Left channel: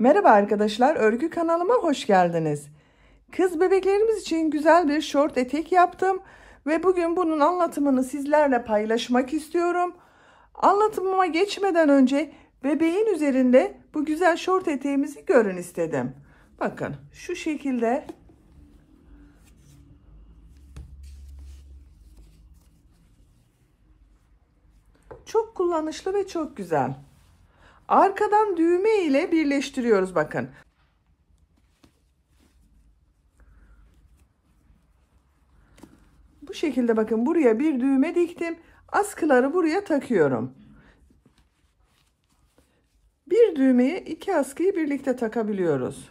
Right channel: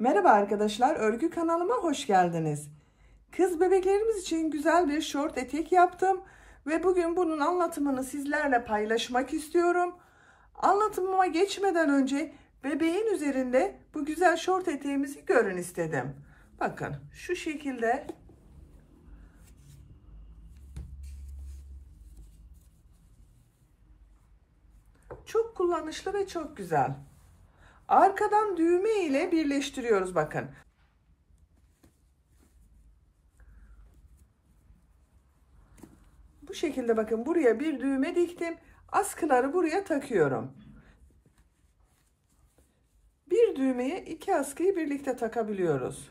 Merhaba arkadaşlar, örgü kanalıma hoş geldiniz. Kız bebeklerimiz için güzel bir şort etek yaptım ve bugün bunun anlatımını sizlerle paylaşmak istiyorum. Anlatımıma geçmeden önce bebeğin üzerinde bu güzel şort eteğimizi görün istedim. Bakın şu şekilde. Çok kullanışlı ve çok güzel. Arkadan düğme ile birleştiriyoruz bakın. Bu şekilde bakın buraya bir düğme diktim. Askıları buraya takıyorum. Bir düğmeye iki askıyı birlikte takabiliyoruz.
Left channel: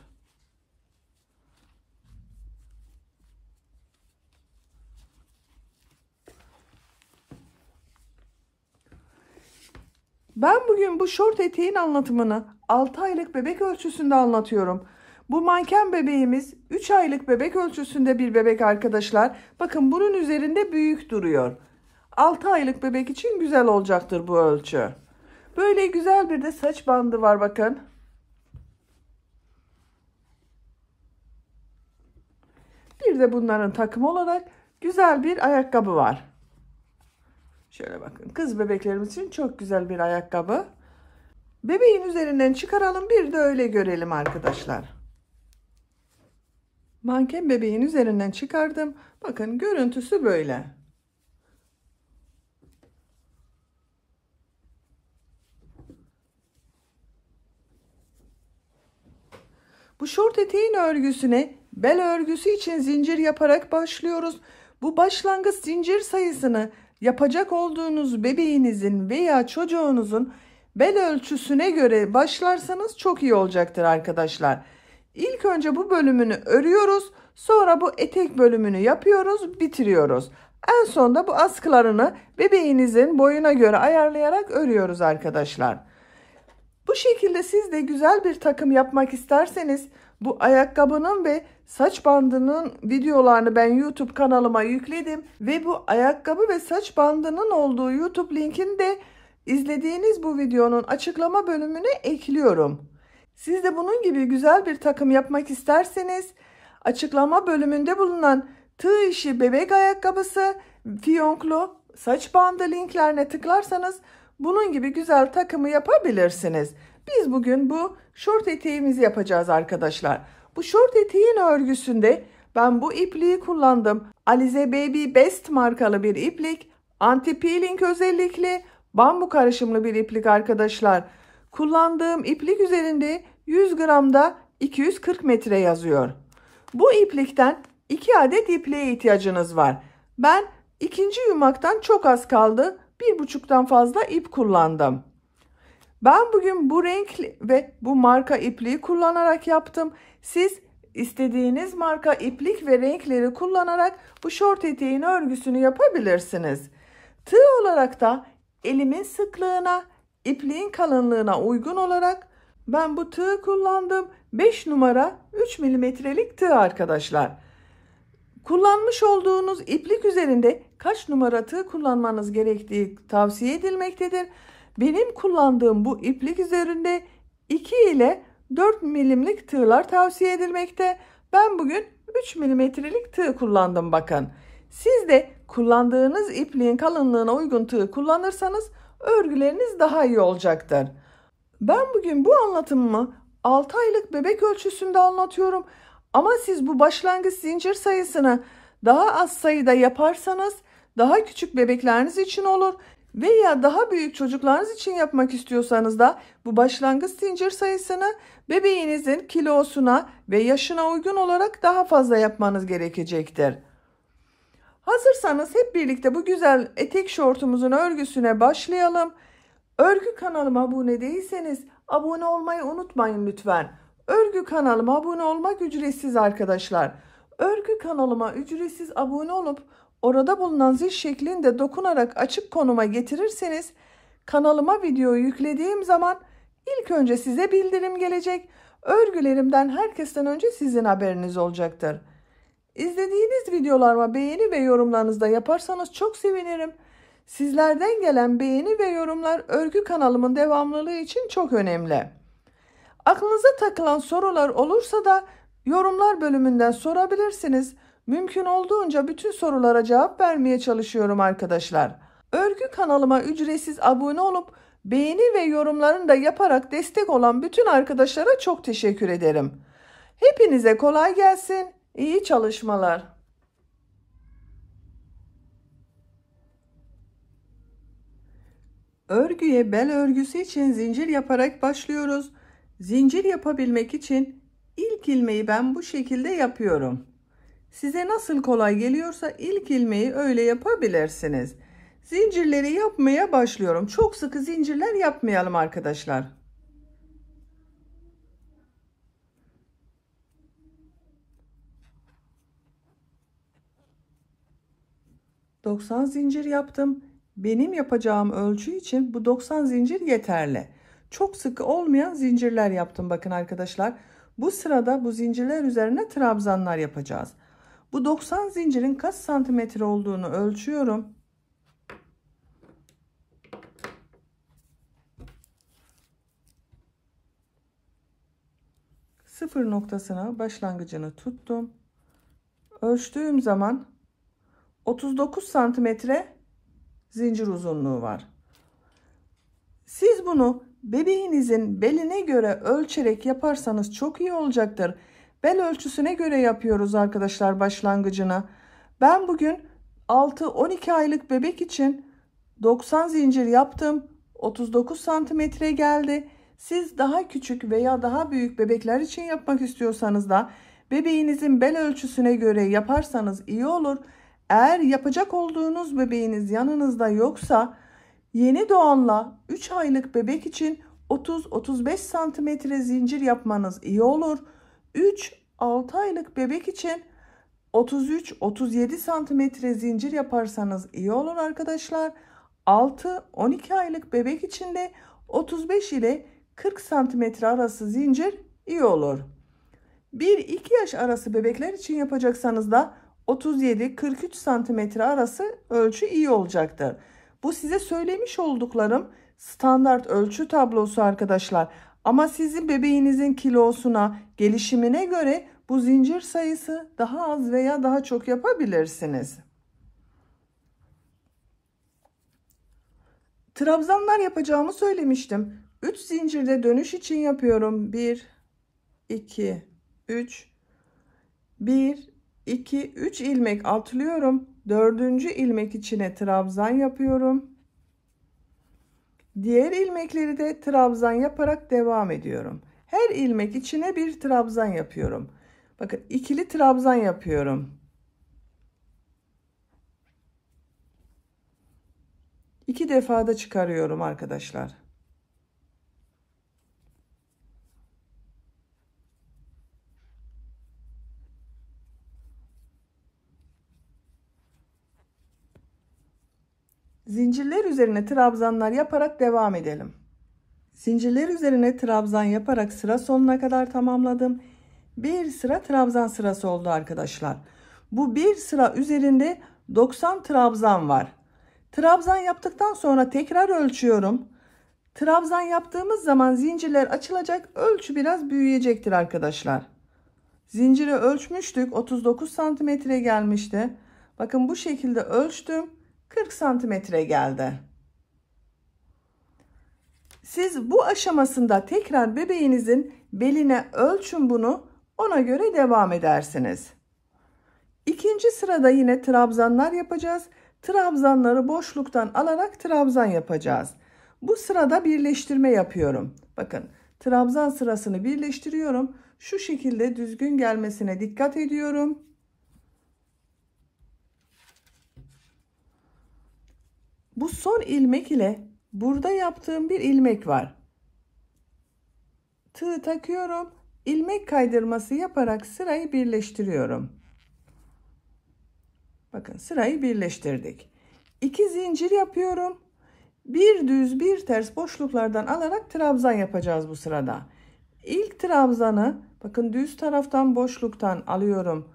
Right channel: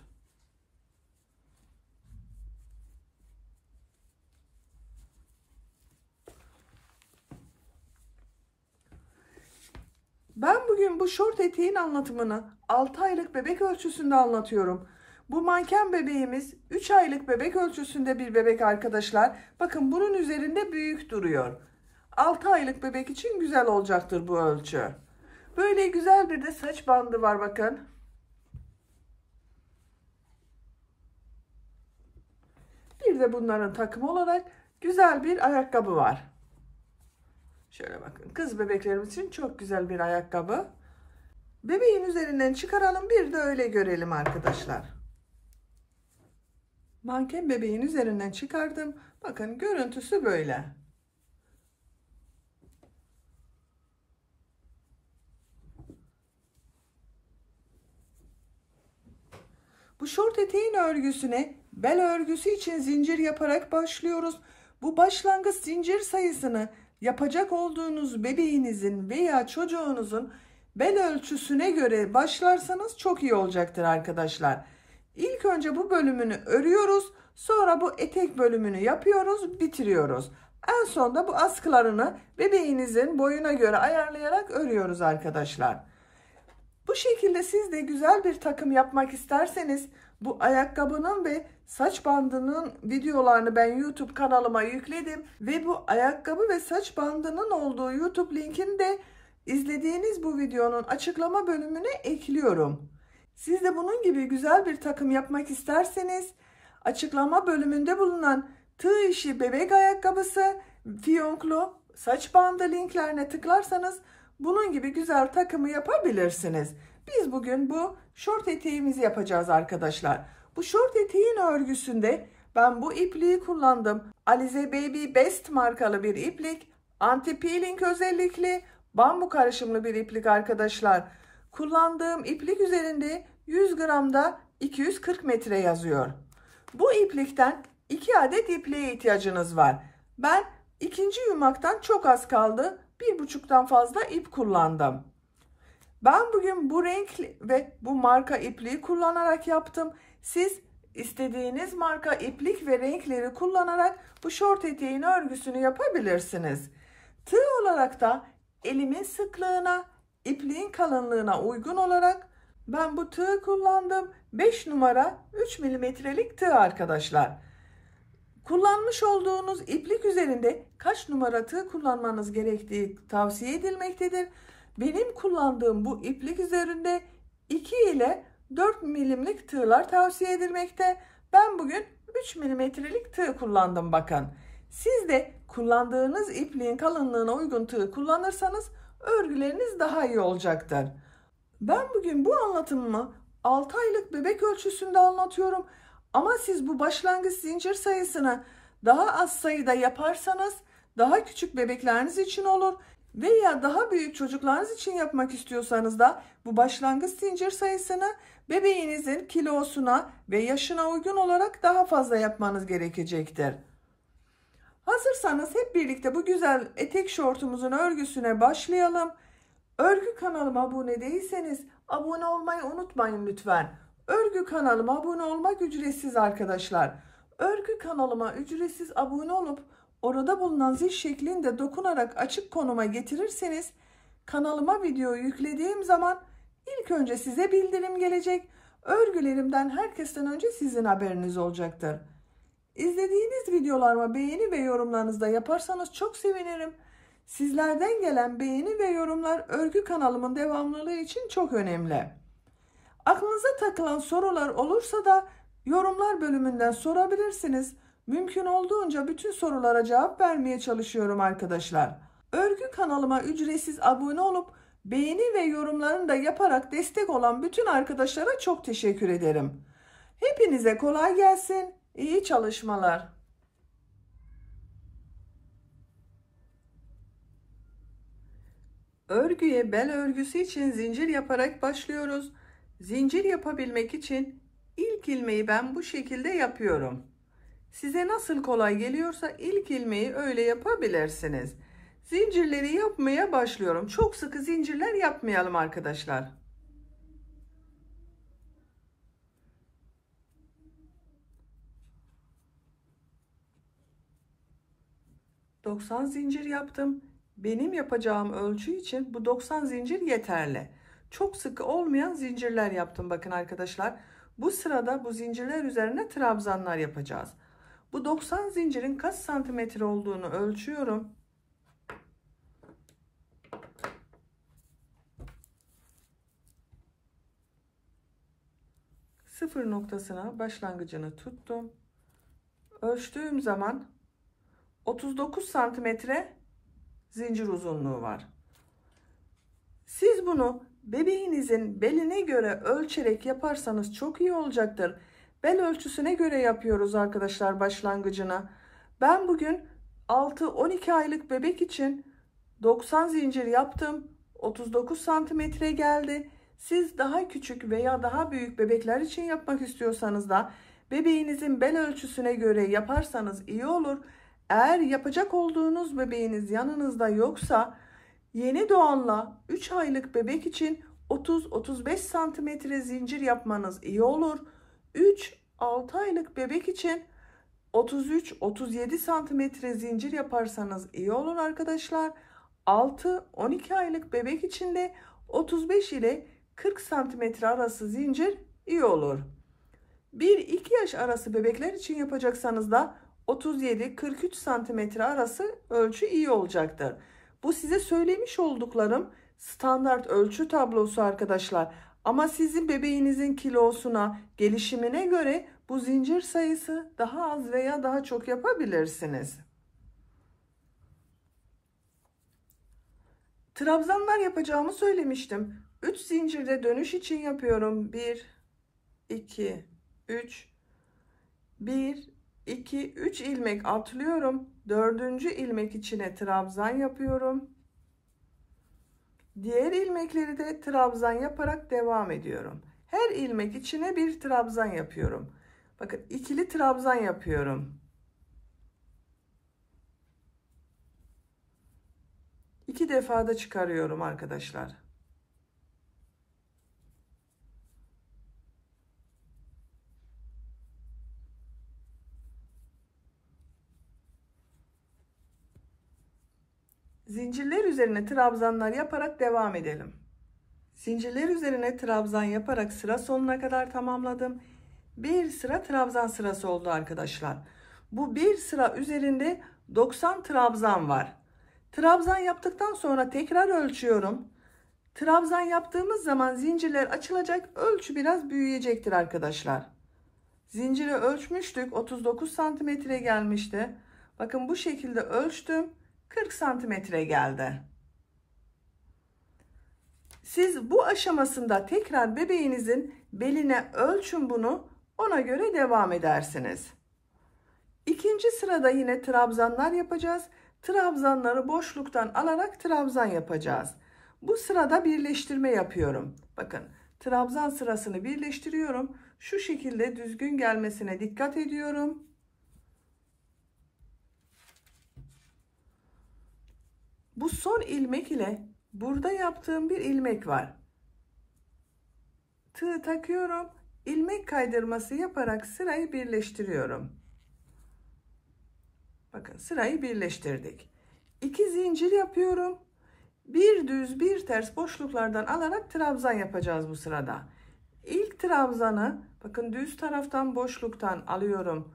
Ben bugün bu şort eteğin anlatımını 6 aylık bebek ölçüsünde anlatıyorum. Bu manken bebeğimiz 3 aylık bebek ölçüsünde bir bebek arkadaşlar. Bakın bunun üzerinde büyük duruyor. 6 aylık bebek için güzel olacaktır bu ölçü. Böyle güzel bir de saç bandı var bakın. Bir de bunların takımı olarak güzel bir ayakkabı var. Şöyle bakın, kız bebeklerimiz için çok güzel bir ayakkabı. Bebeğin üzerinden çıkaralım, bir de öyle görelim arkadaşlar. Manken bebeğin üzerinden çıkardım. Bakın görüntüsü böyle. Bu şort eteğin örgüsüne bel örgüsü için zincir yaparak başlıyoruz. Bu başlangıç zincir sayısını yapacak olduğunuz bebeğinizin veya çocuğunuzun bel ölçüsüne göre başlarsanız çok iyi olacaktır arkadaşlar. İlk önce bu bölümünü örüyoruz. Sonra bu etek bölümünü yapıyoruz, bitiriyoruz. En sonunda bu askılarını bebeğinizin boyuna göre ayarlayarak örüyoruz arkadaşlar. Bu şekilde siz de güzel bir takım yapmak isterseniz bu ayakkabının ve saç bandının videolarını ben YouTube kanalıma yükledim ve bu ayakkabı ve saç bandının olduğu YouTube linkini de izlediğiniz bu videonun açıklama bölümüne ekliyorum. Siz de bunun gibi güzel bir takım yapmak isterseniz açıklama bölümünde bulunan tığ işi bebek ayakkabısı, fiyonklu saç bandı linklerine tıklarsanız bunun gibi güzel takımı yapabilirsiniz. Biz bugün bu şort eteğimizi yapacağız arkadaşlar. Bu şort eteğin örgüsünde ben bu ipliği kullandım. Alize Baby Best markalı bir iplik. Anti peeling özellikli bambu karışımlı bir iplik arkadaşlar. Kullandığım iplik üzerinde 100 gramda 240 metre yazıyor. Bu iplikten 2 adet ipliğe ihtiyacınız var. Ben ikinci yumaktan çok az kaldı. 1,5'tan fazla ip kullandım. Ben bugün bu renk ve bu marka ipliği kullanarak yaptım. Siz istediğiniz marka iplik ve renkleri kullanarak bu şort eteğin örgüsünü yapabilirsiniz. Tığ olarak da elimin sıklığına, ipliğin kalınlığına uygun olarak ben bu tığı kullandım. 5 numara 3 milimetrelik tığ arkadaşlar. Kullanmış olduğunuz iplik üzerinde kaç numara tığ kullanmanız gerektiği tavsiye edilmektedir. Benim kullandığım bu iplik üzerinde 2 ile 4 milimlik tığlar tavsiye edilmekte. Ben bugün 3 milimetrelik tığ kullandım bakın. Siz de kullandığınız ipliğin kalınlığına uygun tığ kullanırsanız örgüleriniz daha iyi olacaktır. Ben bugün bu anlatımımı 6 aylık bebek ölçüsünde anlatıyorum. Ama siz bu başlangıç zincir sayısını daha az sayıda yaparsanız daha küçük bebekleriniz için olur. Veya daha büyük çocuklarınız için yapmak istiyorsanız da bu başlangıç zincir sayısını bebeğinizin kilosuna ve yaşına uygun olarak daha fazla yapmanız gerekecektir. Hazırsanız hep birlikte bu güzel etek şortumuzun örgüsüne başlayalım. Örgü kanalıma abone değilseniz abone olmayı unutmayın lütfen. Örgü kanalıma abone olmak ücretsiz arkadaşlar. Örgü kanalıma ücretsiz abone olup orada bulunan zil şeklinde dokunarak açık konuma getirirseniz kanalıma videoyu yüklediğim zaman ilk önce size bildirim gelecek. Örgülerimden herkesten önce sizin haberiniz olacaktır. İzlediğiniz videolarıma beğeni ve yorumlarınızı da yaparsanız çok sevinirim. Sizlerden gelen beğeni ve yorumlar örgü kanalımın devamlılığı için çok önemli. Aklınıza takılan sorular olursa da yorumlar bölümünden sorabilirsiniz. Mümkün olduğunca bütün sorulara cevap vermeye çalışıyorum arkadaşlar. Örgü kanalıma ücretsiz abone olup beğeni ve yorumlarını da yaparak destek olan bütün arkadaşlara çok teşekkür ederim. Hepinize kolay gelsin. İyi çalışmalar. Örgüye bel örgüsü için zincir yaparak başlıyoruz. Zincir yapabilmek için ilk ilmeği ben bu şekilde yapıyorum. Size nasıl kolay geliyorsa ilk ilmeği öyle yapabilirsiniz. Zincirleri yapmaya başlıyorum. Çok sıkı zincirler yapmayalım arkadaşlar. ...90 zincir yaptım. Benim yapacağım ölçü için bu 90 zincir yeterli. Çok sıkı olmayan zincirler yaptım bakın arkadaşlar. Bu sırada bu zincirler üzerine trabzanlar yapacağız. Bu 90 zincirin kaç santimetre olduğunu ölçüyorum. Sıfır noktasına başlangıcını tuttum. Ölçtüğüm zaman 39 santimetre zincir uzunluğu var. Siz bunu bebeğinizin beline göre ölçerek yaparsanız çok iyi olacaktır. Bel ölçüsüne göre yapıyoruz arkadaşlar başlangıcına. Ben bugün 6-12 aylık bebek için 90 zincir yaptım. 39 santimetre geldi. Siz daha küçük veya daha büyük bebekler için yapmak istiyorsanız da bebeğinizin bel ölçüsüne göre yaparsanız iyi olur. Eğer yapacak olduğunuz bebeğiniz yanınızda yoksa yeni doğanla 3 aylık bebek için 30-35 santimetre zincir yapmanız iyi olur. 3-6 aylık bebek için 33-37 santimetre zincir yaparsanız iyi olur arkadaşlar. 6-12 aylık bebek için de 35 ile 40 santimetre arası zincir iyi olur. 1-2 yaş arası bebekler için yapacaksanız da 37-43 santimetre arası ölçü iyi olacaktır. Bu size söylemiş olduklarım standart ölçü tablosu arkadaşlar. Ama sizin bebeğinizin kilosuna, gelişimine göre bu zincir sayısı daha az veya daha çok yapabilirsiniz. Trabzanlar yapacağımı söylemiştim. 3 zincirde dönüş için yapıyorum. 1, 2, 3, 1, 2, 3 ilmek atlıyorum. 4. ilmek içine trabzan yapıyorum. Diğer ilmekleri de trabzan yaparak devam ediyorum. Her ilmek içine bir trabzan yapıyorum. Bakın ikili trabzan yapıyorum. 2 defa da çıkarıyorum arkadaşlar. Zincirler üzerine trabzanlar yaparak devam edelim. Zincirler üzerine trabzan yaparak sıra sonuna kadar tamamladım. Bir sıra trabzan sırası oldu arkadaşlar. Bu bir sıra üzerinde 90 trabzan var. Trabzan yaptıktan sonra tekrar ölçüyorum. Trabzan yaptığımız zaman zincirler açılacak, ölçü biraz büyüyecektir arkadaşlar. Zinciri ölçmüştük, 39 santimetre gelmişti. Bakın bu şekilde ölçtüm, 40 santimetre geldi. Siz bu aşamasında tekrar bebeğinizin beline ölçün bunu, ona göre devam edersiniz. İkinci sırada yine trabzanlar yapacağız. Trabzanları boşluktan alarak trabzan yapacağız. Bu sırada birleştirme yapıyorum. Bakın trabzan sırasını birleştiriyorum. Şu şekilde düzgün gelmesine dikkat ediyorum. Bu son ilmek ile burada yaptığım bir ilmek var. Tığ takıyorum. İlmek kaydırması yaparak sırayı birleştiriyorum. Bakın sırayı birleştirdik. 2 zincir yapıyorum. Bir düz bir ters boşluklardan alarak trabzan yapacağız bu sırada. İlk trabzanı bakın düz taraftan boşluktan alıyorum.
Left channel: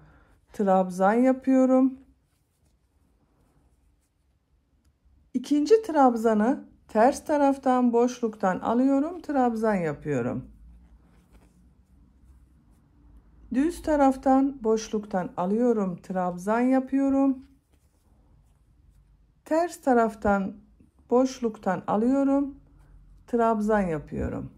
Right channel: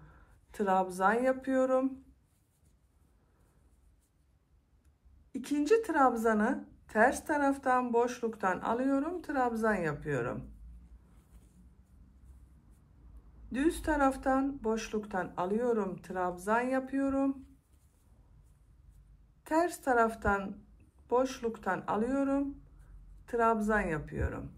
Trabzan yapıyorum. İkinci trabzanı ters taraftan boşluktan alıyorum. Trabzan yapıyorum. Düz taraftan boşluktan alıyorum, trabzan yapıyorum. Ters taraftan boşluktan alıyorum, trabzan yapıyorum.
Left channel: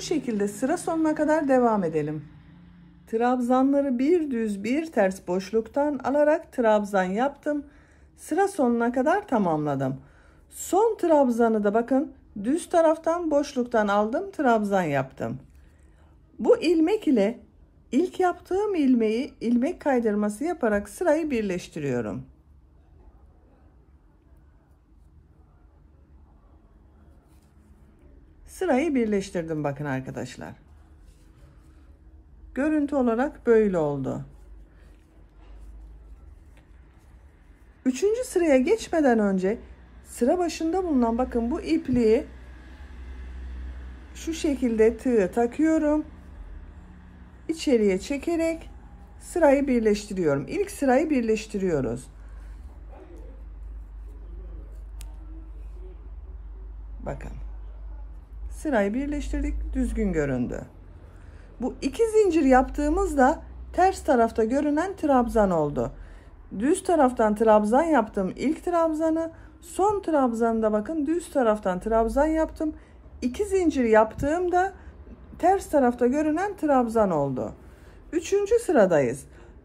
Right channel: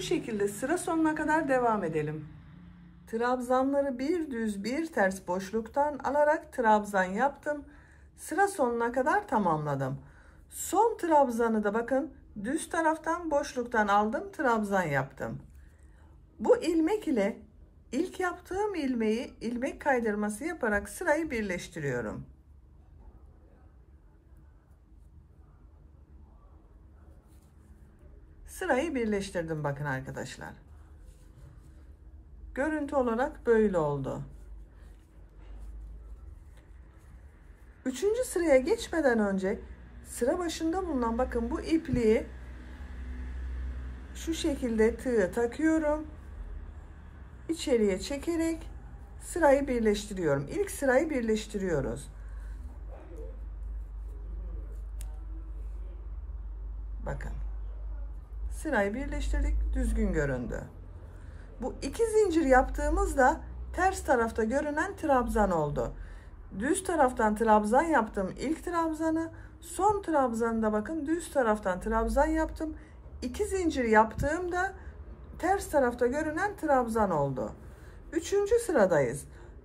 Bu şekilde sıra sonuna kadar devam edelim. Trabzanları bir düz bir ters boşluktan alarak trabzan yaptım. Sıra sonuna kadar tamamladım. Son trabzanı da bakın düz taraftan boşluktan aldım, trabzan yaptım. Bu ilmek ile ilk yaptığım ilmeği ilmek kaydırması yaparak sırayı birleştiriyorum. Sırayı birleştirdim bakın arkadaşlar. Görüntü olarak böyle oldu. Üçüncü sıraya geçmeden önce sıra başında bulunan bakın bu ipliği şu şekilde tığı takıyorum. İçeriye çekerek sırayı birleştiriyorum. İlk sırayı birleştiriyoruz. Bakın. Sırayı birleştirdik. Düzgün göründü. Bu iki zincir yaptığımızda ters tarafta görünen trabzan oldu. Düz taraftan trabzan yaptım. İlk trabzanı, son trabzanı bakın düz taraftan trabzan yaptım. İki zincir yaptığımda ters tarafta görünen trabzan oldu. Üçüncü sıradayız.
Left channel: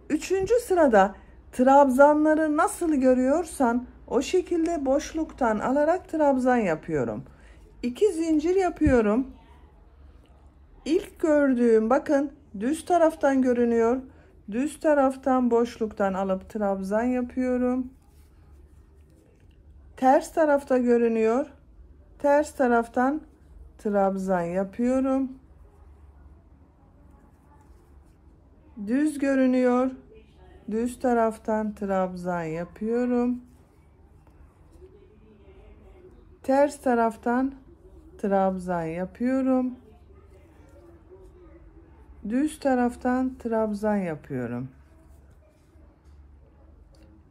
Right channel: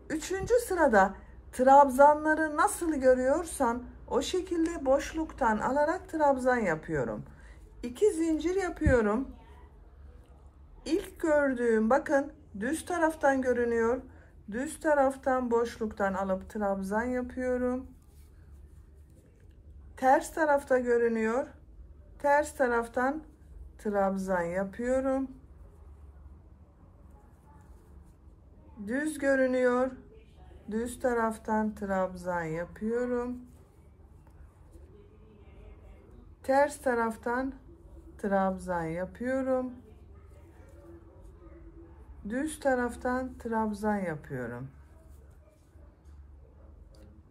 Üçüncü sırada trabzanları nasıl görüyorsan o şekilde boşluktan alarak trabzan yapıyorum. İki zincir yapıyorum. İlk gördüğüm bakın düz taraftan görünüyor. Düz taraftan boşluktan alıp trabzan yapıyorum. Ters tarafta görünüyor. Ters taraftan trabzan yapıyorum. Düz görünüyor. Düz taraftan trabzan yapıyorum. Ters taraftan trabzan yapıyorum. Düz taraftan trabzan yapıyorum.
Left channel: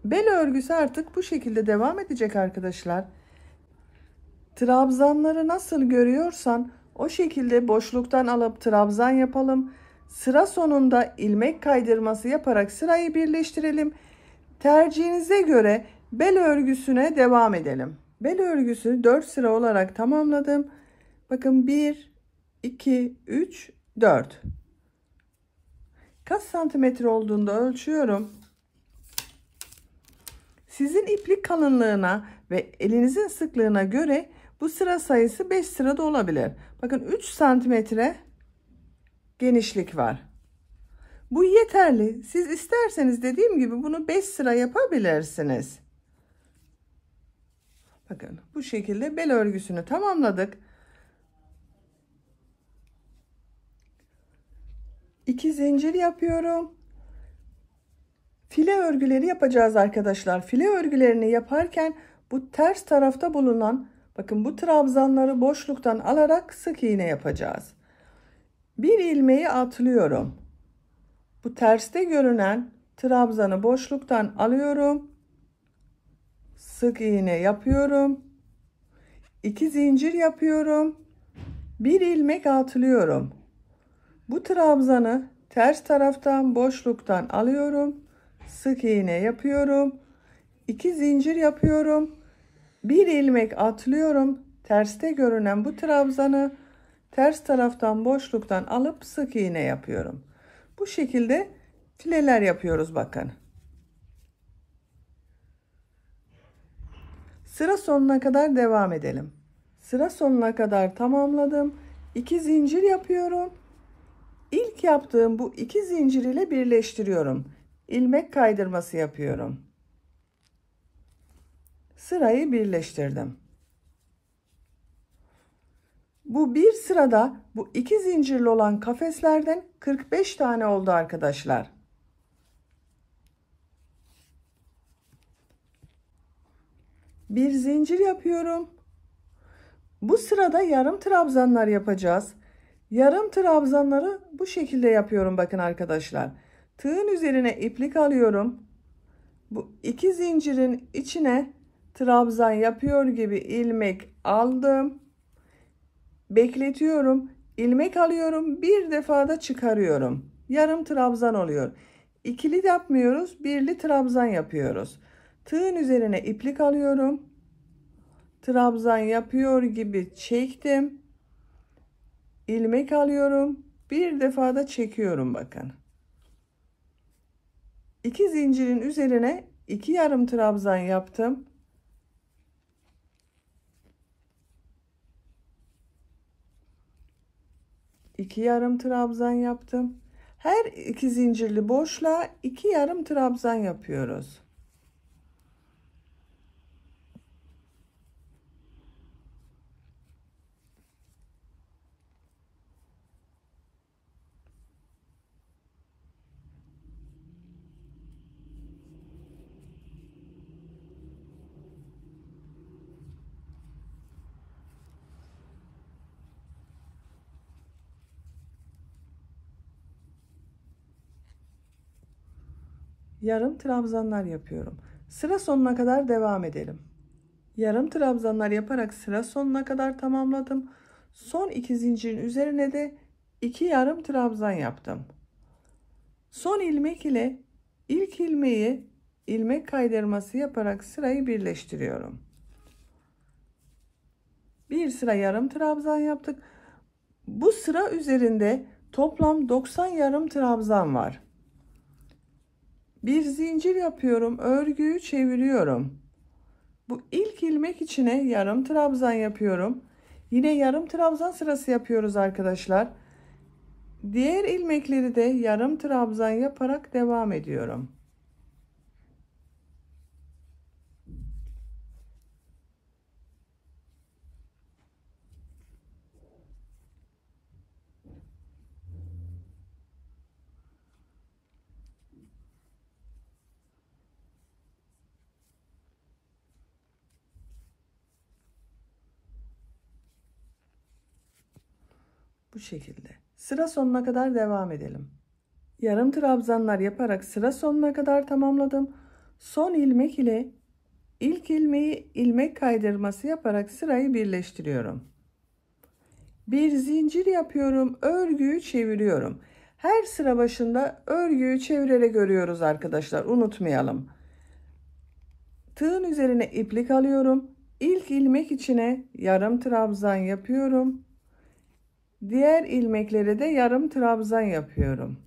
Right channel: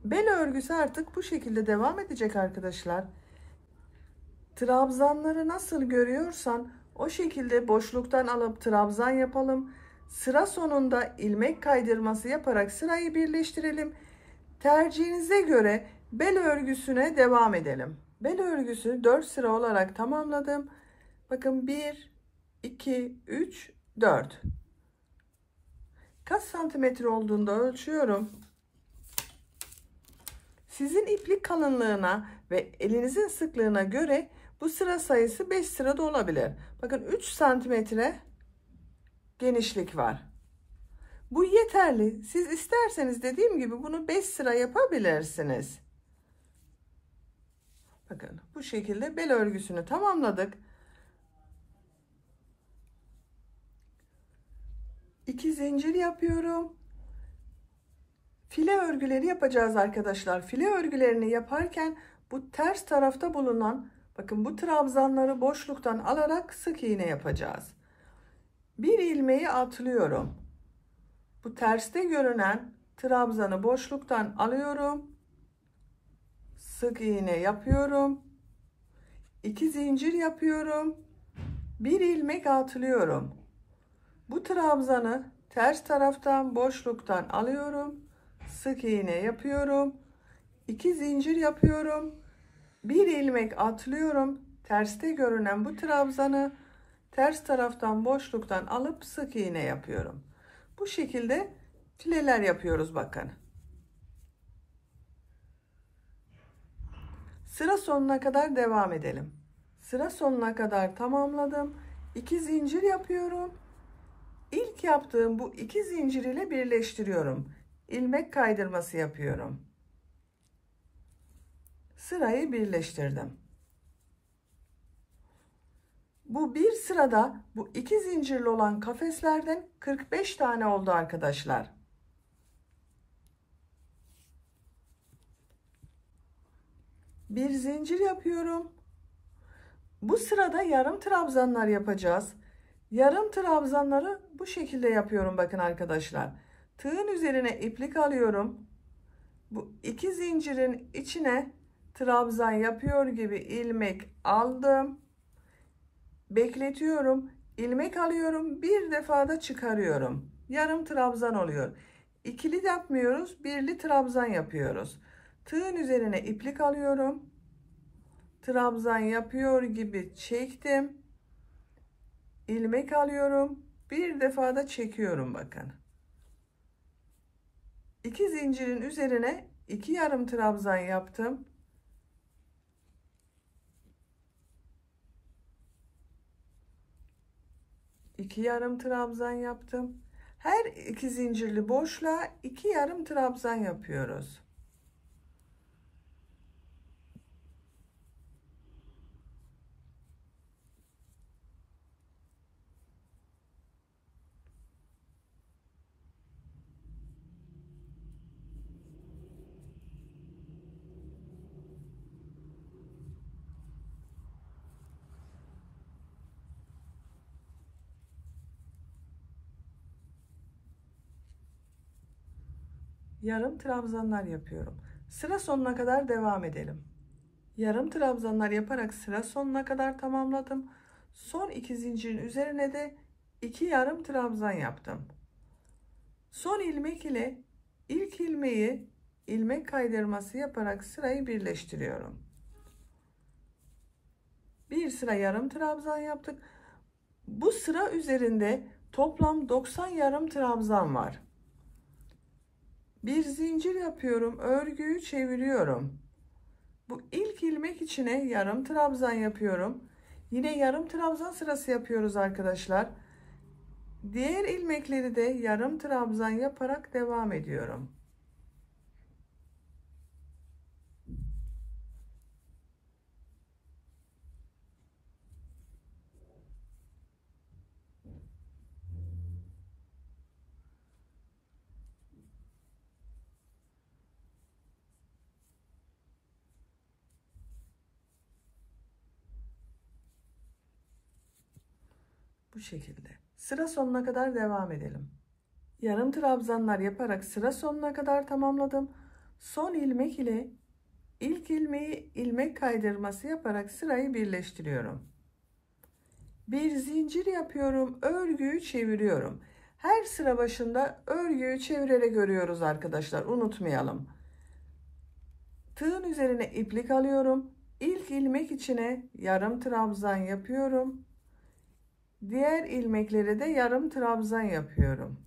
Bel örgüsü artık bu şekilde devam edecek arkadaşlar. Trabzanları nasıl görüyorsan o şekilde boşluktan alıp trabzan yapalım. Sıra sonunda ilmek kaydırması yaparak sırayı birleştirelim. Tercihinize göre bel örgüsüne devam edelim. Bel örgüsü 4 sıra olarak tamamladım. Bakın 1, 2, 3, 4. Kaç santimetre olduğunda ölçüyorum. Sizin iplik kalınlığına ve elinizin sıklığına göre bu sıra sayısı 5 sırada olabilir. Bakın 3 santimetre genişlik var. Bu yeterli. Siz isterseniz dediğim gibi bunu 5 sıra yapabilirsiniz. Bakın bu şekilde bel örgüsünü tamamladık. 2 zincir yapıyorum. File örgüleri yapacağız arkadaşlar. File örgülerini yaparken bu ters tarafta bulunan bakın bu trabzanları boşluktan alarak sık iğne yapacağız. Bir ilmeği atlıyorum. Bu terste görünen trabzanı boşluktan alıyorum. Sık iğne yapıyorum. 2 zincir yapıyorum. Bir ilmek atlıyorum. Bu trabzanı ters taraftan boşluktan alıyorum. Sık iğne yapıyorum. 2 zincir yapıyorum. Bir ilmek atlıyorum. Terste görünen bu trabzanı ters taraftan boşluktan alıp sık iğne yapıyorum. Bu şekilde fileler yapıyoruz bakın. Sıra sonuna kadar devam edelim. Sıra sonuna kadar tamamladım. 2 zincir yapıyorum. İlk yaptığım bu 2 zincir ile birleştiriyorum. İlmek kaydırması yapıyorum. Sırayı birleştirdim. Bu bir sırada bu 2 zincirli olan kafeslerden 45 tane oldu arkadaşlar. Bir zincir yapıyorum. Bu sırada yarım trabzanlar yapacağız. Yarım trabzanları bu şekilde yapıyorum bakın arkadaşlar. Tığın üzerine iplik alıyorum. Bu iki zincirin içine trabzan yapıyor gibi ilmek aldım. Bekletiyorum. İlmek alıyorum. Bir defada çıkarıyorum. Yarım trabzan oluyor. İkili yapmıyoruz. Birli trabzan yapıyoruz. Tığın üzerine iplik alıyorum. Trabzan yapıyor gibi çektim. İlmek alıyorum. Bir defada çekiyorum bakın. İki zincirin üzerine iki yarım trabzan yaptım. İki yarım trabzan yaptım. Her iki zincirli boşluğa iki yarım trabzan yapıyoruz. Yarım trabzanlar yapıyorum. Sıra sonuna kadar devam edelim. Yarım trabzanlar yaparak sıra sonuna kadar tamamladım. Son iki zincirin üzerine de iki yarım trabzan yaptım. Son ilmek ile ilk ilmeği ilmek kaydırması yaparak sırayı birleştiriyorum. Bir sıra yarım trabzan yaptık. Bu sıra üzerinde toplam 90 yarım trabzan var. Bir zincir yapıyorum, örgüyü çeviriyorum. Bu ilk ilmek içine yarım trabzan yapıyorum. Yine yarım trabzan sırası yapıyoruz arkadaşlar. Diğer ilmekleri de yarım trabzan yaparak devam ediyorum. Bu şekilde. Sıra sonuna kadar devam edelim. Yarım trabzanlar yaparak sıra sonuna kadar tamamladım. Son ilmek ile ilk ilmeği ilmek kaydırması yaparak sırayı birleştiriyorum. Bir zincir yapıyorum, örgüyü çeviriyorum. Her sıra başında örgüyü çevirerek örüyoruz arkadaşlar, unutmayalım. Tığın üzerine iplik alıyorum. İlk ilmek içine yarım trabzan yapıyorum. Diğer ilmeklere de yarım trabzan yapıyorum.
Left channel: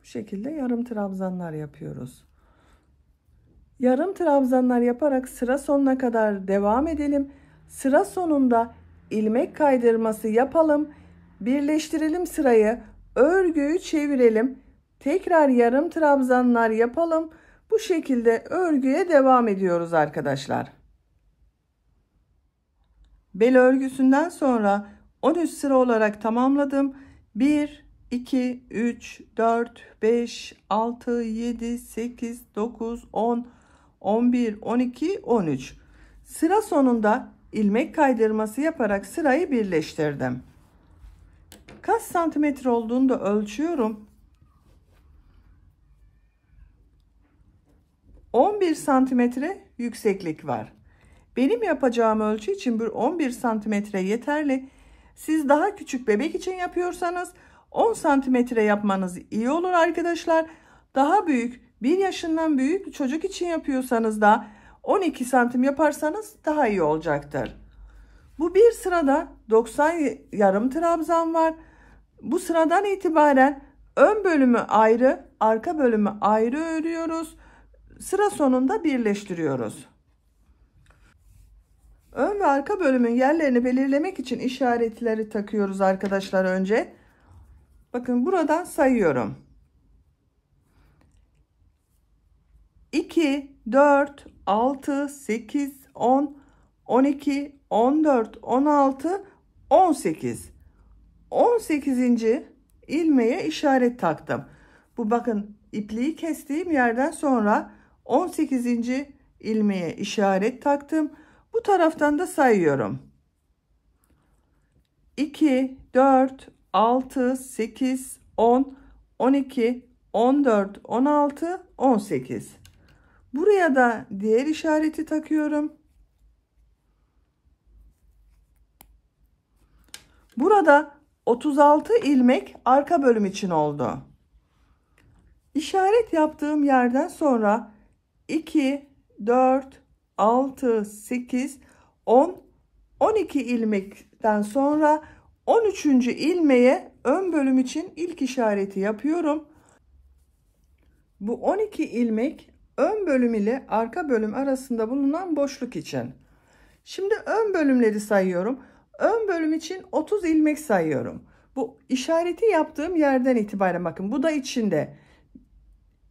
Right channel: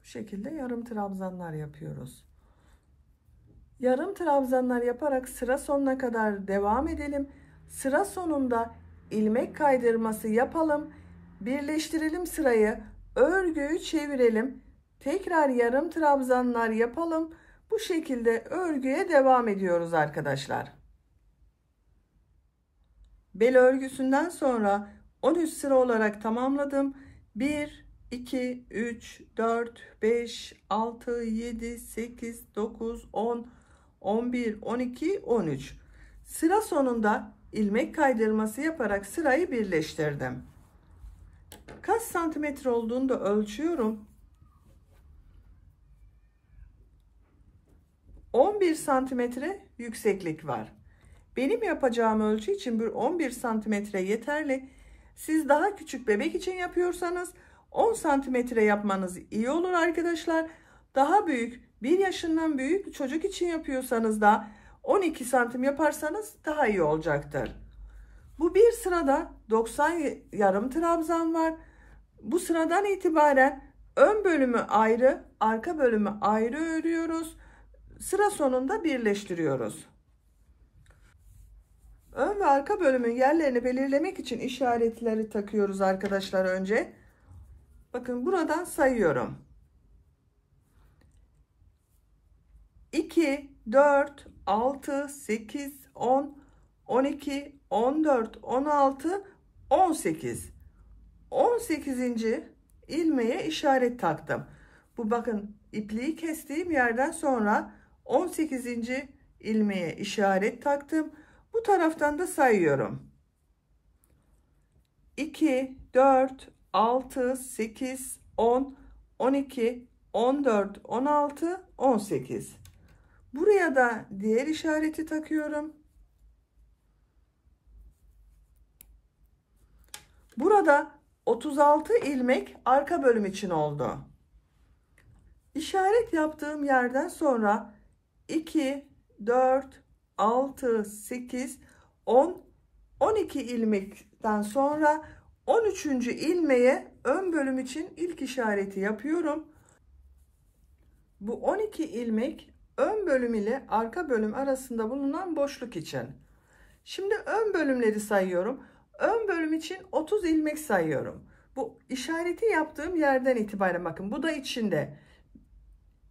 Bu şekilde yarım trabzanlar yapıyoruz. Yarım trabzanlar yaparak sıra sonuna kadar devam edelim. Sıra sonunda ilmek kaydırması yapalım. Birleştirelim sırayı. Örgüyü çevirelim. Tekrar yarım trabzanlar yapalım. Bu şekilde örgüye devam ediyoruz arkadaşlar. Bel örgüsünden sonra 13 sıra olarak tamamladım. 1 2 3 4 5 6 7 8 9 10 11 12 13 sıra sonunda ilmek kaydırması yaparak sırayı birleştirdim. Kaç santimetre olduğunu da ölçüyorum. 11 santimetre yükseklik var. Benim yapacağım ölçü için bir 11 santimetre yeterli. Siz daha küçük bebek için yapıyorsanız 10 santimetre yapmanız iyi olur arkadaşlar. Daha büyük, 1 yaşından büyük çocuk için yapıyorsanız da 12 santim yaparsanız daha iyi olacaktır. Bu bir sırada 90 yarım trabzan var. Bu sıradan itibaren ön bölümü ayrı, arka bölümü ayrı örüyoruz. Sıra sonunda birleştiriyoruz. Ön ve arka bölümün yerlerini belirlemek için işaretleri takıyoruz arkadaşlar önce. Bakın buradan sayıyorum. 2, 4, 6, 8, 10, 12, 14, 16, 18. 18. ilmeğe işaret taktım. Bu bakın ipliği kestiğim yerden sonra 18. ilmeğe işaret taktım. Bu taraftan da sayıyorum. 2, 4, 6, 8, 10, 12, 14, 16, 18. Buraya da diğer işareti takıyorum. Burada 36 ilmek arka bölüm için oldu. İşaret yaptığım yerden sonra 2, 4, 6, 8, 10, 12 ilmekten sonra 13. ilmeğe ön bölüm için ilk işareti yapıyorum. Bu 12 ilmek ön bölüm ile arka bölüm arasında bulunan boşluk için. Şimdi ön bölümleri sayıyorum. Ön bölüm için 30 ilmek sayıyorum. Bu işareti yaptığım yerden itibaren bakın bu da içinde.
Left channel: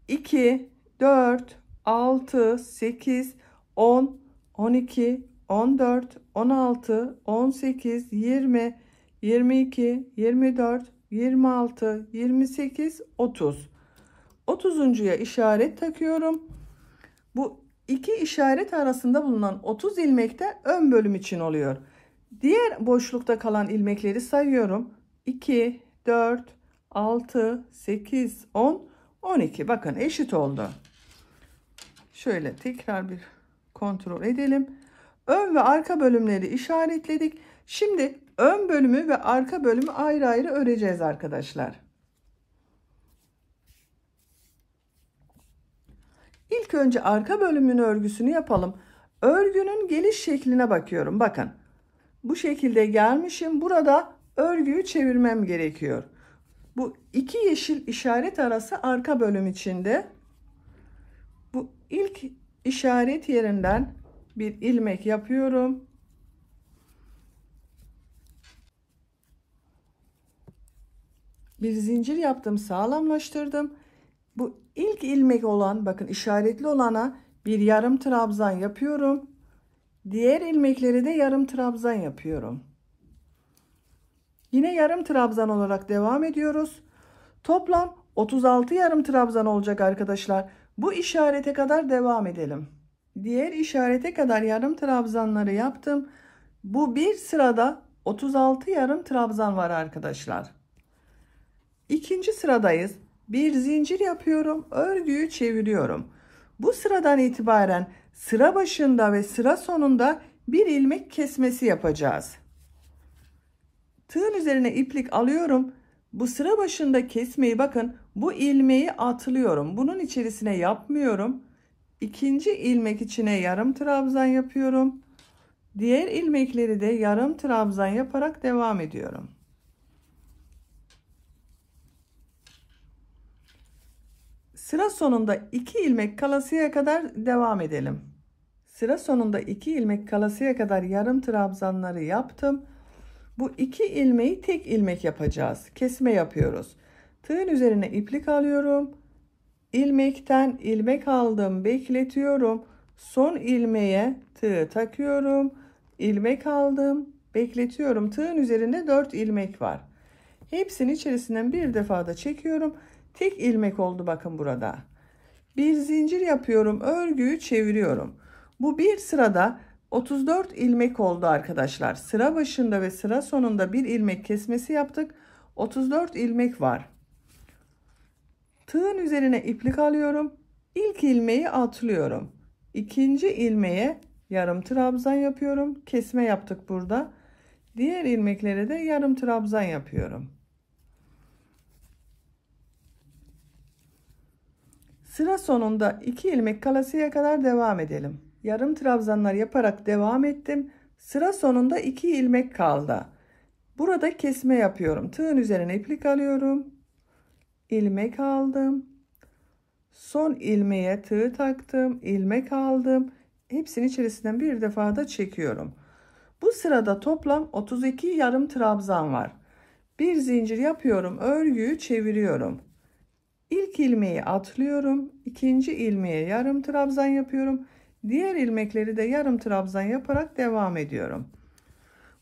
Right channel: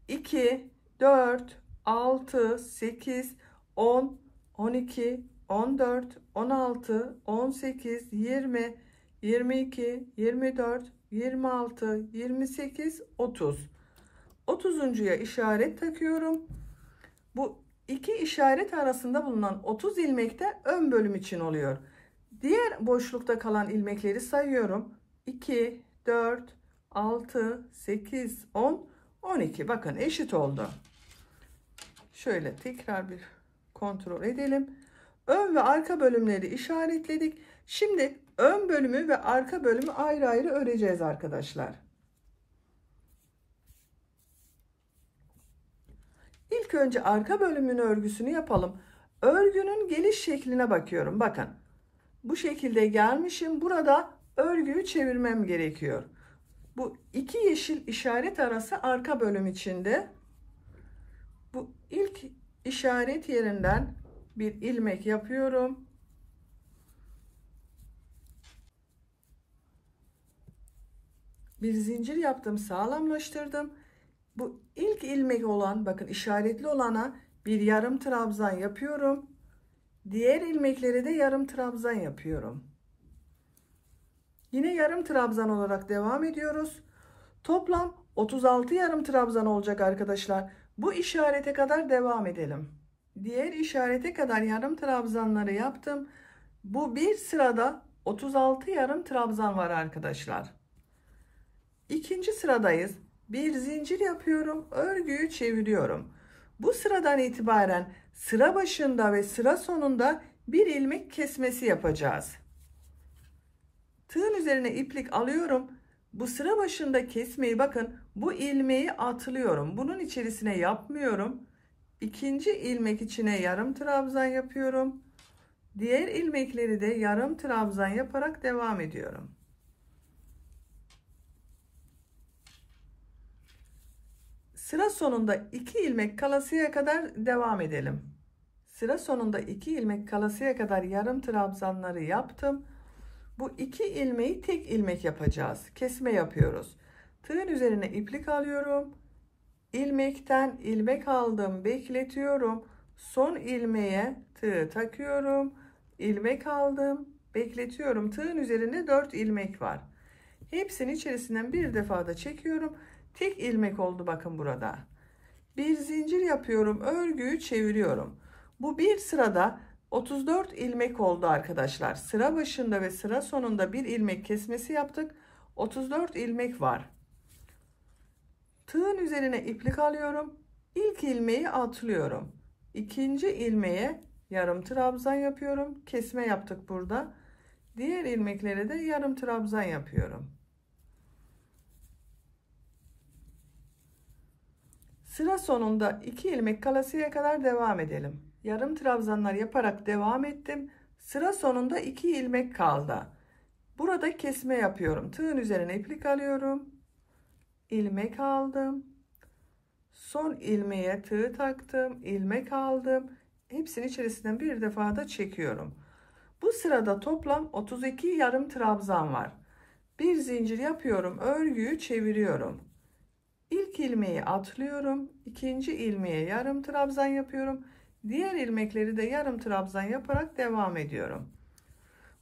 2, 4, 6, 8, 10, 12, 14, 16, 18, 20, 22, 24, 26, 28, 30. 30'uncuya işaret takıyorum. Bu iki işaret arasında bulunan 30 ilmek de ön bölüm için oluyor. Diğer boşlukta kalan ilmekleri sayıyorum. 2, 4, 6, 8, 10, 12. Bakın eşit oldu. Şöyle tekrar bir kontrol edelim. Ön ve arka bölümleri işaretledik. Şimdi ön bölümü ve arka bölümü ayrı ayrı öreceğiz arkadaşlar. İlk önce arka bölümün örgüsünü yapalım. Örgünün geliş şekline bakıyorum. Bakın. Bu şekilde gelmişim. Burada örgüyü çevirmem gerekiyor. Bu iki yeşil işaret arası arka bölüm içinde. Bu ilk işaret yerinden bir ilmek yapıyorum. Bir zincir yaptım, sağlamlaştırdım. Bu ilk ilmek olan, bakın işaretli olana bir yarım trabzan yapıyorum. Diğer ilmekleri de yarım trabzan yapıyorum. Yine yarım trabzan olarak devam ediyoruz. Toplam 36 yarım trabzan olacak arkadaşlar. Bu işarete kadar devam edelim. Diğer işarete kadar yarım trabzanları yaptım. Bu bir sırada 36 yarım trabzan var arkadaşlar. İkinci sıradayız. Bir zincir yapıyorum. Örgüyü çeviriyorum. Bu sıradan itibaren sıra başında ve sıra sonunda bir ilmek kesmesi yapacağız. Tığın üzerine iplik alıyorum. Bu sıra başında kesmeyi bakın bu ilmeği atlıyorum. Bunun içerisine yapmıyorum. İkinci ilmek içine yarım trabzan yapıyorum. Diğer ilmekleri de yarım trabzan yaparak devam ediyorum. Sıra sonunda 2 ilmek kalasıya kadar devam edelim. Sıra sonunda 2 ilmek kalasıya kadar yarım trabzanları yaptım. Bu 2 ilmeği tek ilmek yapacağız. Kesme yapıyoruz. Tığın üzerine iplik alıyorum. İlmekten ilmek aldım, bekletiyorum. Son ilmeğe tığ takıyorum. İlmek aldım, bekletiyorum. Tığın üzerinde 4 ilmek var. Hepsinin içerisinden bir defa da çekiyorum. Tek ilmek oldu bakın burada. Bir zincir yapıyorum, örgüyü çeviriyorum. Bu bir sırada 34 ilmek oldu arkadaşlar. Sıra başında ve sıra sonunda bir ilmek kesmesi yaptık. 34 ilmek var. Tığın üzerine iplik alıyorum. İlk ilmeği atlıyorum. İkinci ilmeğe yarım trabzan yapıyorum. Kesme yaptık burada. Diğer ilmeklere de yarım trabzan yapıyorum. Sıra sonunda 2 ilmek kalasıya kadar devam edelim. Yarım trabzanlar yaparak devam ettim. Sıra sonunda 2 ilmek kaldı. Burada kesme yapıyorum. Tığın üzerine iplik alıyorum. İlmek aldım. Son ilmeğe tığ taktım. İlmek aldım. Hepsinin içerisinden bir defa da çekiyorum. Bu sırada toplam 32 yarım trabzan var. Bir zincir yapıyorum. Örgüyü çeviriyorum. İlk ilmeği atlıyorum. İkinci ilmeğe yarım trabzan yapıyorum. Diğer ilmekleri de yarım trabzan yaparak devam ediyorum.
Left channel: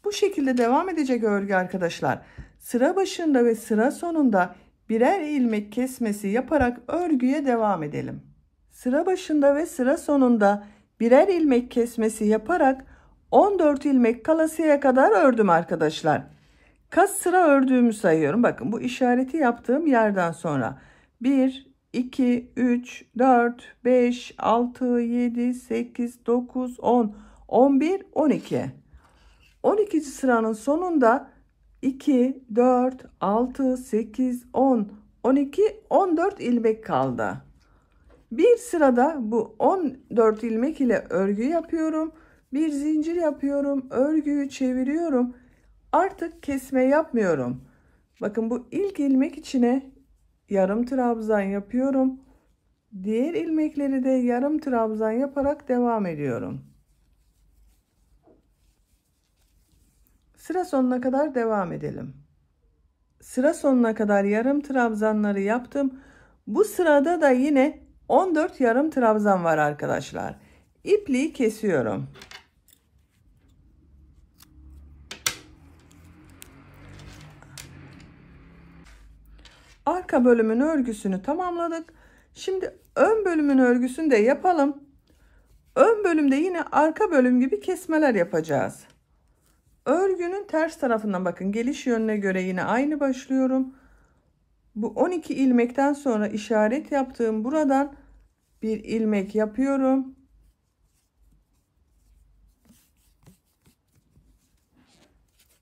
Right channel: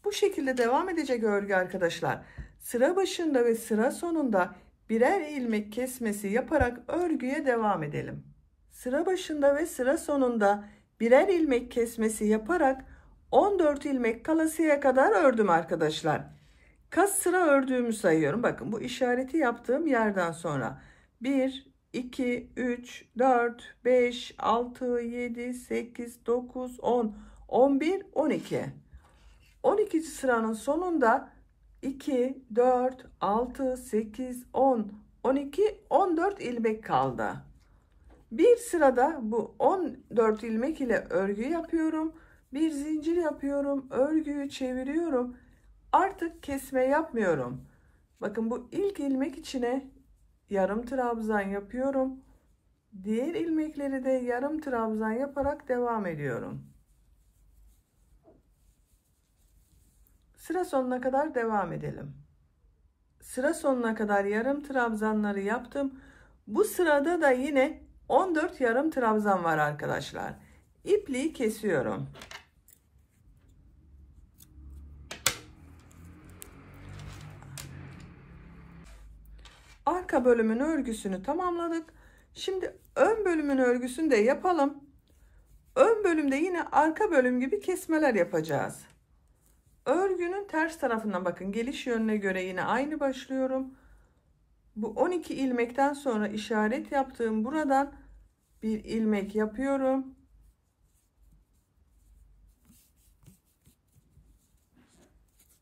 Bu şekilde devam edecek örgü arkadaşlar. Sıra başında ve sıra sonunda birer ilmek kesmesi yaparak örgüye devam edelim. Sıra başında ve sıra sonunda birer ilmek kesmesi yaparak 14 ilmek kalasıya kadar ördüm arkadaşlar. Kaç sıra ördüğümü sayıyorum. Bakın bu işareti yaptığım yerden sonra 1, 2, 3, 4, 5, 6, 7, 8, 9, 10, 11, 12. 12. sıranın sonunda 2, 4, 6, 8, 10, 12, 14 ilmek kaldı. Bir sırada bu 14 ilmek ile örgü yapıyorum. Bir zincir yapıyorum. Örgüyü çeviriyorum. Artık kesme yapmıyorum. Bakın bu ilk ilmek içine yarım trabzan yapıyorum. Diğer ilmekleri de yarım trabzan yaparak devam ediyorum. Sıra sonuna kadar devam edelim. Sıra sonuna kadar yarım trabzanları yaptım. Bu sırada da yine 14 yarım trabzan var arkadaşlar. İpliği kesiyorum. Arka bölümün örgüsünü tamamladık. Şimdi ön bölümün örgüsünü de yapalım. Ön bölümde yine arka bölüm gibi kesmeler yapacağız. Örgünün ters tarafından bakın, geliş yönüne göre yine aynı başlıyorum. Bu 12 ilmekten sonra işaret yaptığım buradan bir ilmek yapıyorum.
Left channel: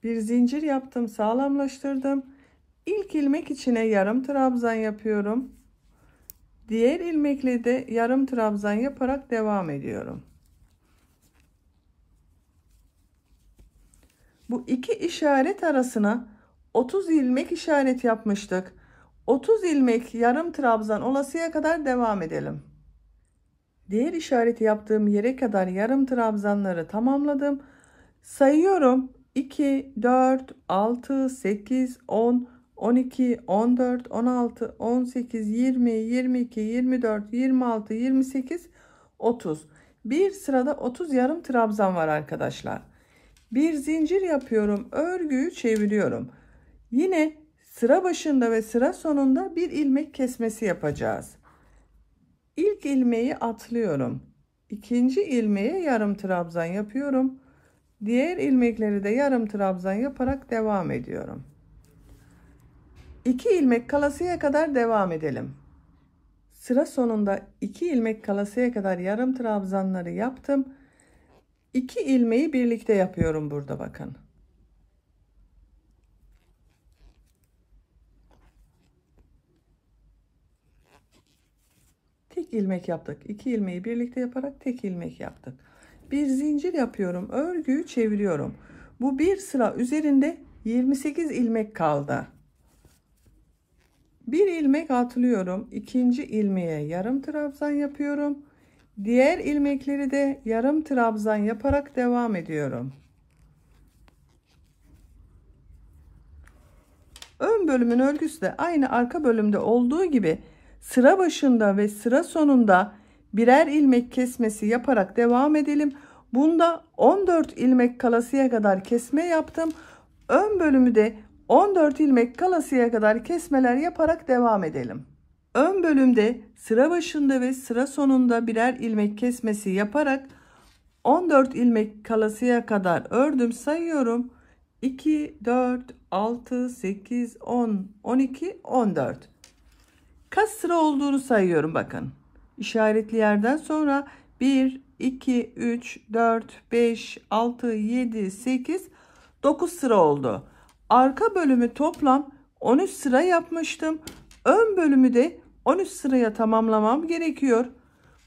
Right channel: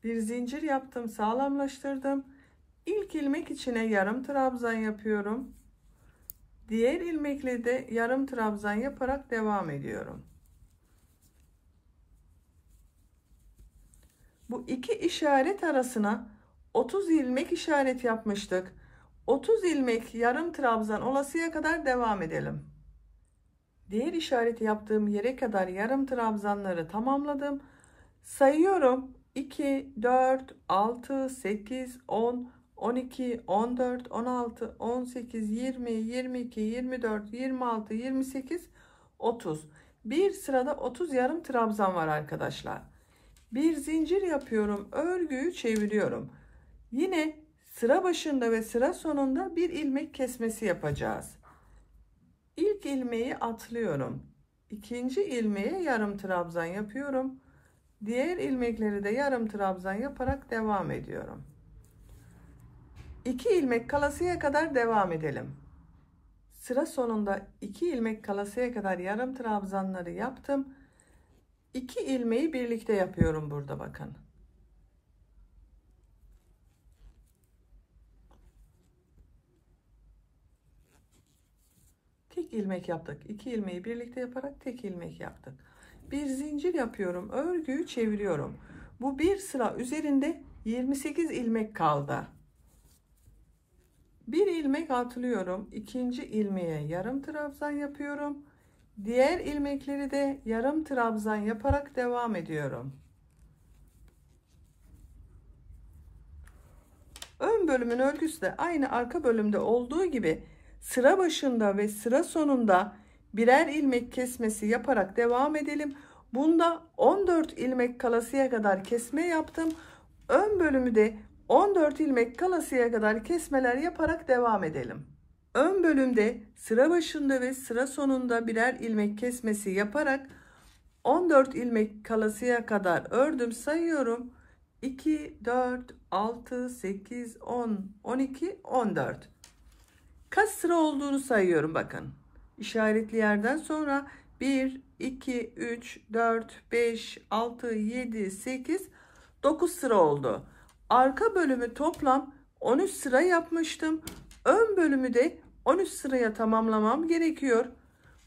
Bir zincir yaptım, sağlamlaştırdım. İlk ilmek içine yarım trabzan yapıyorum. Diğer ilmekle de yarım trabzan yaparak devam ediyorum. Bu iki işaret arasına 30 ilmek işaret yapmıştık. 30 ilmek yarım trabzan olasıya kadar devam edelim. Diğer işareti yaptığım yere kadar yarım trabzanları tamamladım. Sayıyorum. 2, 4, 6, 8, 10, 12, 14, 16, 18, 20, 22, 24, 26, 28, 30. Bir sırada 30 yarım trabzan var arkadaşlar. Bir zincir yapıyorum. Örgüyü çeviriyorum. Yine sıra başında ve sıra sonunda bir ilmek kesmesi yapacağız. İlk ilmeği atlıyorum. İkinci ilmeğe yarım trabzan yapıyorum. Diğer ilmekleri de yarım trabzan yaparak devam ediyorum. 2 ilmek kalasıya kadar devam edelim. Sıra sonunda 2 ilmek kalasıya kadar yarım trabzanları yaptım. 2 ilmeği birlikte yapıyorum burada bakın. Tek ilmek yaptık. 2 ilmeği birlikte yaparak tek ilmek yaptık. Bir zincir yapıyorum. Örgüyü çeviriyorum. Bu bir sıra üzerinde 28 ilmek kaldı. Bir ilmek atlıyorum. İkinci ilmeğe yarım trabzan yapıyorum. Diğer ilmekleri de yarım trabzan yaparak devam ediyorum. Ön bölümün örgüsü de aynı arka bölümde olduğu gibi sıra başında ve sıra sonunda birer ilmek kesmesi yaparak devam edelim. Bunda 14 ilmek kalasıya kadar kesme yaptım. Ön bölümü de 14 ilmek kalasıya kadar kesmeler yaparak devam edelim. Ön bölümde sıra başında ve sıra sonunda birer ilmek kesmesi yaparak 14 ilmek kalasıya kadar ördüm. Sayıyorum. 2, 4, 6, 8, 10, 12, 14. Kaç sıra olduğunu sayıyorum bakın. İşaretli yerden sonra 1, 2, 3, 4, 5, 6, 7, 8, 9 sıra oldu. Arka bölümü toplam 13 sıra yapmıştım. Ön bölümü de 13 sıraya tamamlamam gerekiyor.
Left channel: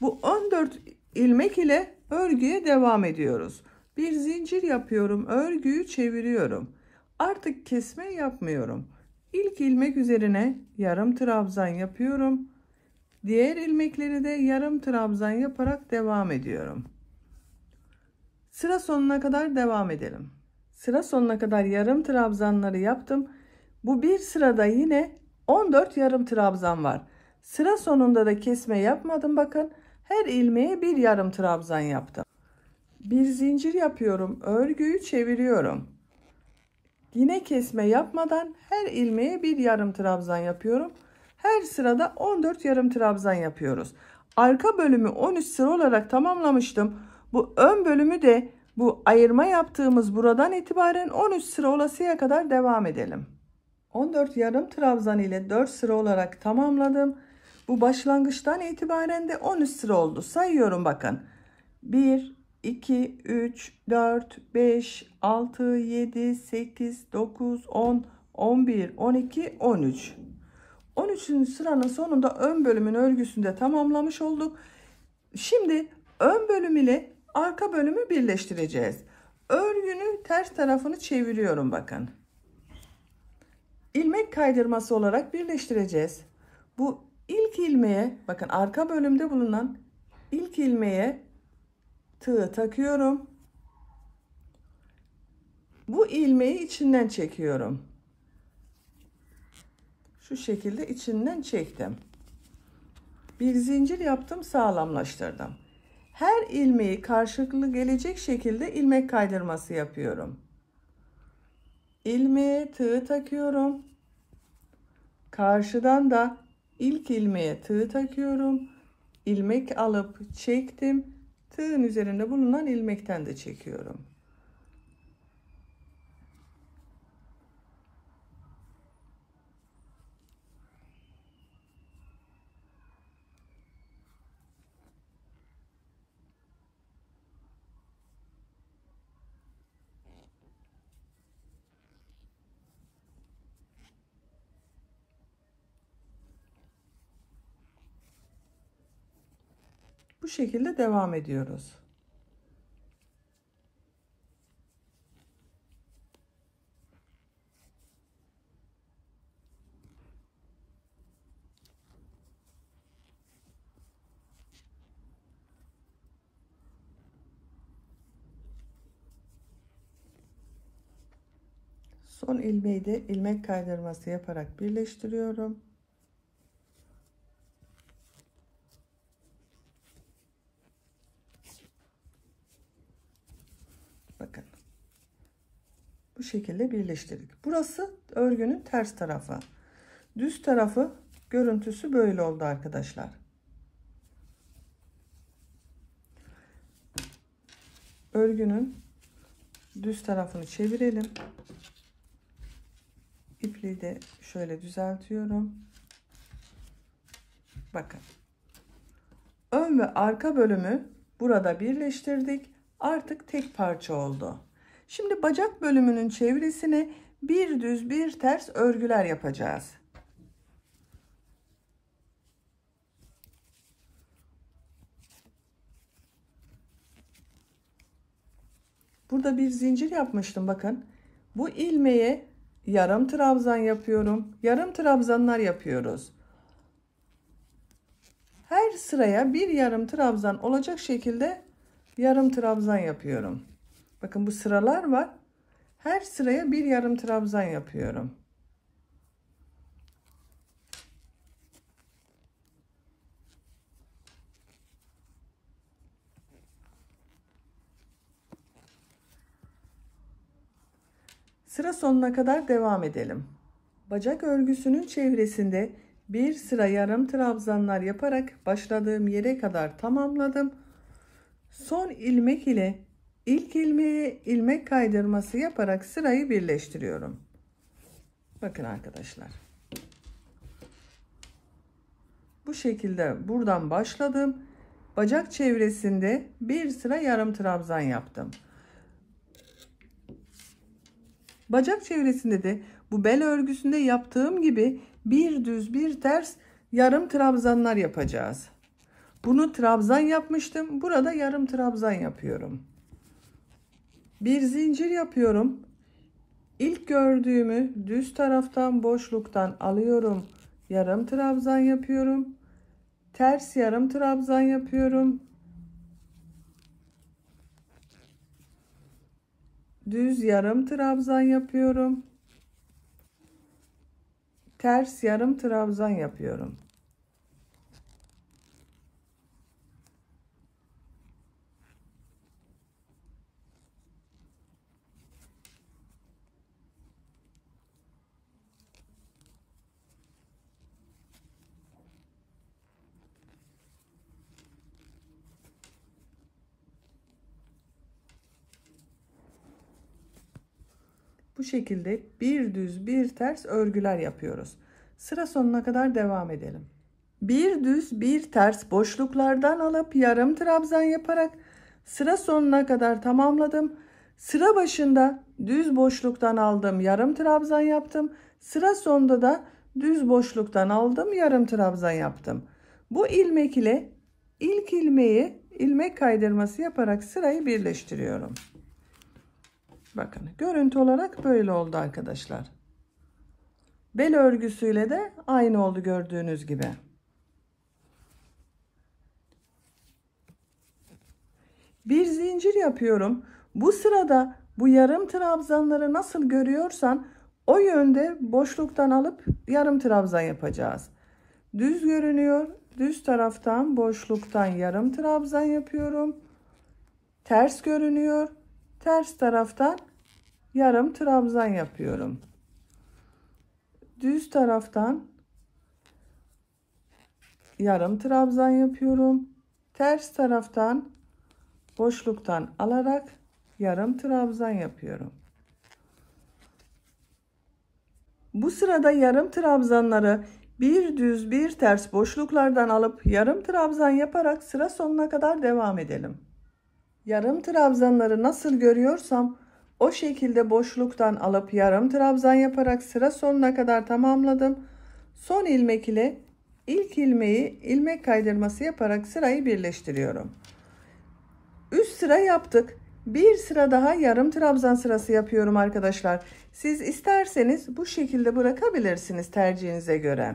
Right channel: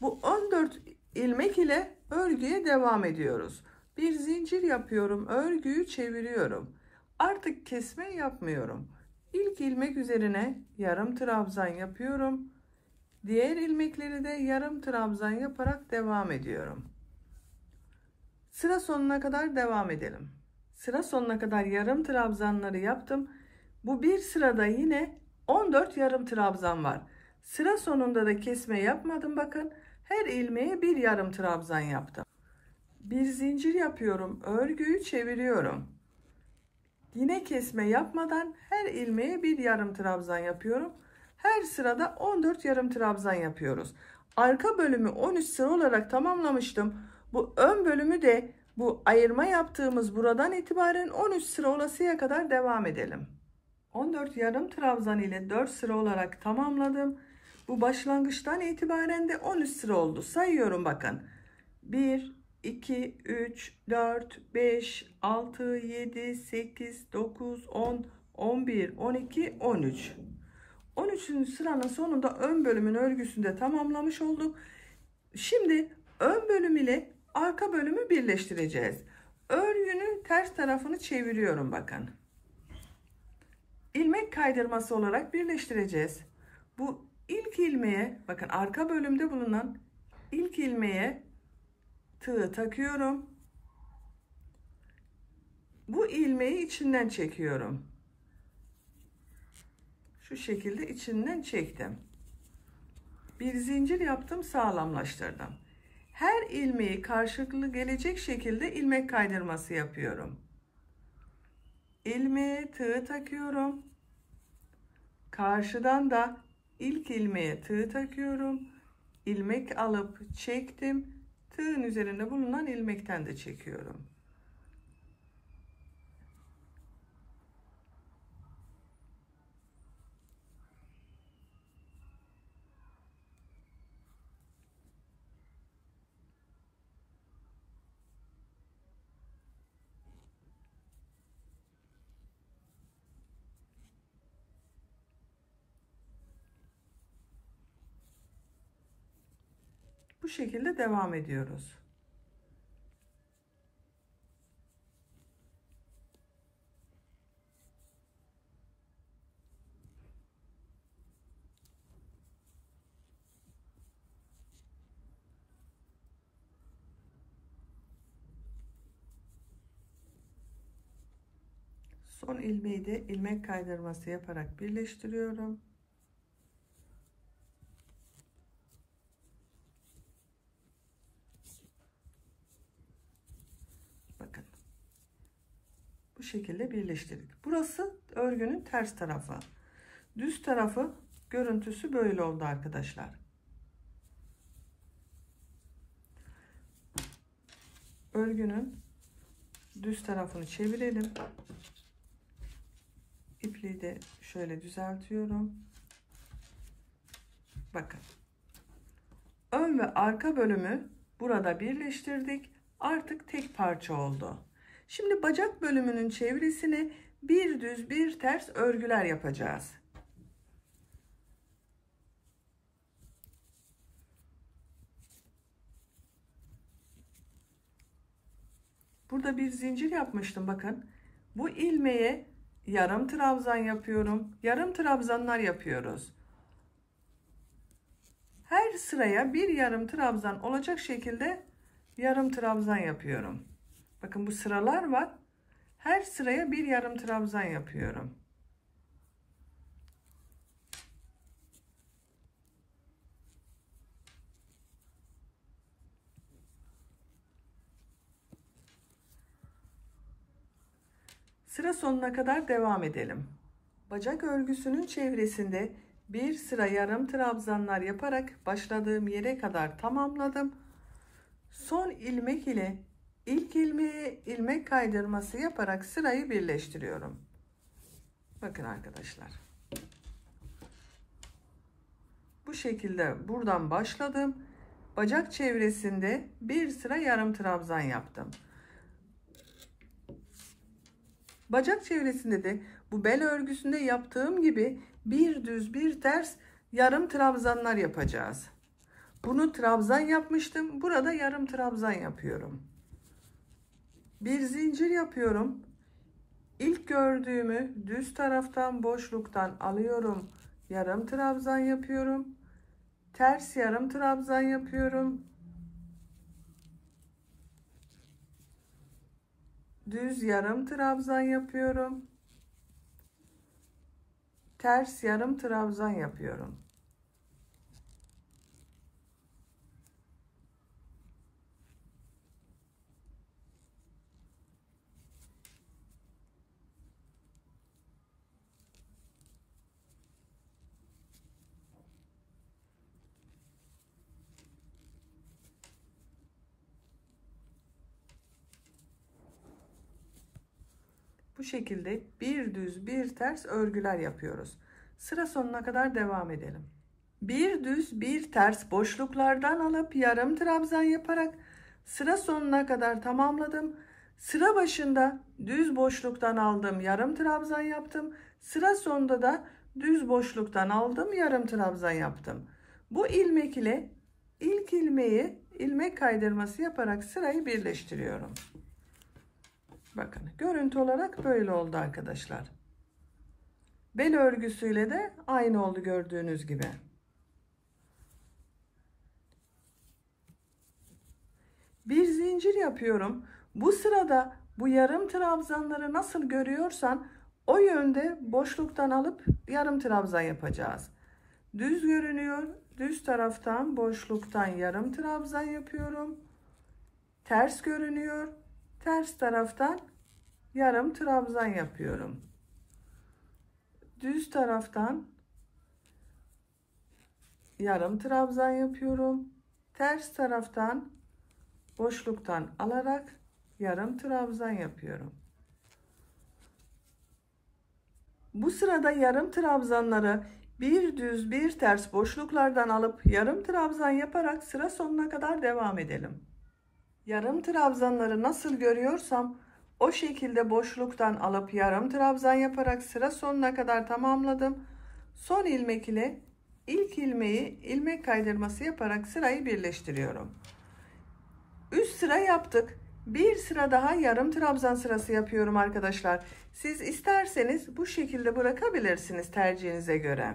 Bu 14 ilmek ile örgüye devam ediyoruz. Bir zincir yapıyorum. Örgüyü çeviriyorum. Artık kesme yapmıyorum. İlk ilmek üzerine yarım trabzan yapıyorum. Diğer ilmekleri de yarım trabzan yaparak devam ediyorum. Sıra sonuna kadar devam edelim. Sıra sonuna kadar yarım trabzanları yaptım. Bu bir sırada yine 14 yarım trabzan var. Sıra sonunda da kesme yapmadım bakın. Her ilmeğe bir yarım trabzan yaptım. Bir zincir yapıyorum, örgüyü çeviriyorum. Yine kesme yapmadan her ilmeğe bir yarım trabzan yapıyorum. Her sırada 14 yarım trabzan yapıyoruz. Arka bölümü 13 sıra olarak tamamlamıştım. Bu ön bölümü de bu ayırma yaptığımız buradan itibaren 13 sıra olasıya kadar devam edelim. 14 yarım trabzan ile 4 sıra olarak tamamladım. Bu başlangıçtan itibaren de 13 sıra oldu. Sayıyorum bakın. 1, 2, 3, 4, 5, 6, 7, 8, 9, 10, 11, 12, 13. 13. sıranın sonunda ön bölümün örgüsünü de tamamlamış olduk. Şimdi ön bölüm ile arka bölümü birleştireceğiz. Örgünün ters tarafını çeviriyorum bakın. İlmek kaydırması olarak birleştireceğiz. Bu ilk ilmeğe bakın, arka bölümde bulunan ilk ilmeğe tığ takıyorum. Bu ilmeği içinden çekiyorum. Şu şekilde içinden çektim. Bir zincir yaptım, sağlamlaştırdım. Her ilmeği karşılıklı gelecek şekilde ilmek kaydırması yapıyorum. İlmeğe tığ takıyorum. Karşıdan da ilk ilmeğe tığ takıyorum. İlmek alıp çektim. Tığın üzerinde bulunan ilmekten de çekiyorum. Bu şekilde devam ediyoruz. Son ilmeği de ilmek kaydırması yaparak birleştiriyorum. Bakın. Bu şekilde birleştirdik. Burası örgünün ters tarafı. Düz tarafı görüntüsü böyle oldu arkadaşlar. Örgünün düz tarafını çevirelim. İpliği de şöyle düzeltiyorum. Bakın. Ön ve arka bölümü burada birleştirdik. Artık tek parça oldu. Şimdi bacak bölümünün çevresine bir düz bir ters örgüler yapacağız. Burada bir zincir yapmıştım bakın. Bu ilmeğe yarım trabzan yapıyorum. Yarım trabzanlar yapıyoruz. Her sıraya bir yarım trabzan olacak şekilde yarım trabzan yapıyorum. Bakın bu sıralar var. Her sıraya bir yarım trabzan yapıyorum. Sıra sonuna kadar devam edelim. Bacak örgüsünün çevresinde bir sıra yarım trabzanlar yaparak başladığım yere kadar tamamladım. Son ilmek ile ilk ilmeğe ilmek kaydırması yaparak sırayı birleştiriyorum. Bakın arkadaşlar. Bu şekilde buradan başladım. Bacak çevresinde bir sıra yarım trabzan yaptım. Bacak çevresinde de bu bel örgüsünde yaptığım gibi bir düz bir ters yarım trabzanlar yapacağız. Bunu trabzan yapmıştım. Burada yarım trabzan yapıyorum. Bir zincir yapıyorum. İlk gördüğümü düz taraftan boşluktan alıyorum. Yarım trabzan yapıyorum. Ters yarım trabzan yapıyorum. Düz yarım trabzan yapıyorum. Ters yarım trabzan yapıyorum. Bu şekilde bir düz bir ters örgüler yapıyoruz. Sıra sonuna kadar devam edelim. Bir düz bir ters boşluklardan alıp yarım trabzan yaparak sıra sonuna kadar tamamladım. Sıra başında düz boşluktan aldım, yarım trabzan yaptım. Sıra sonunda da düz boşluktan aldım, yarım trabzan yaptım. Bu ilmek ile ilk ilmeği ilmek kaydırması yaparak sırayı birleştiriyorum. Bakın görüntü olarak böyle oldu arkadaşlar. Bel örgüsüyle de aynı oldu gördüğünüz gibi. Bir zincir yapıyorum. Bu sırada bu yarım trabzanları nasıl görüyorsan o yönde boşluktan alıp yarım trabzan yapacağız. Düz görünüyor. Düz taraftan boşluktan yarım trabzan yapıyorum. Ters görünüyor. Ters taraftan yarım trabzan yapıyorum. Düz taraftan yarım trabzan yapıyorum. Ters taraftan boşluktan alarak yarım trabzan yapıyorum. Bu sırada yarım trabzanları bir düz bir ters boşluklardan alıp yarım trabzan yaparak sıra sonuna kadar devam edelim. Yarım trabzanları nasıl görüyorsam o şekilde boşluktan alıp yarım trabzan yaparak sıra sonuna kadar tamamladım. Son ilmek ile ilk ilmeği ilmek kaydırması yaparak sırayı birleştiriyorum. Üst sıra yaptık. Bir sıra daha yarım trabzan sırası yapıyorum arkadaşlar. Siz isterseniz bu şekilde bırakabilirsiniz tercihinize göre.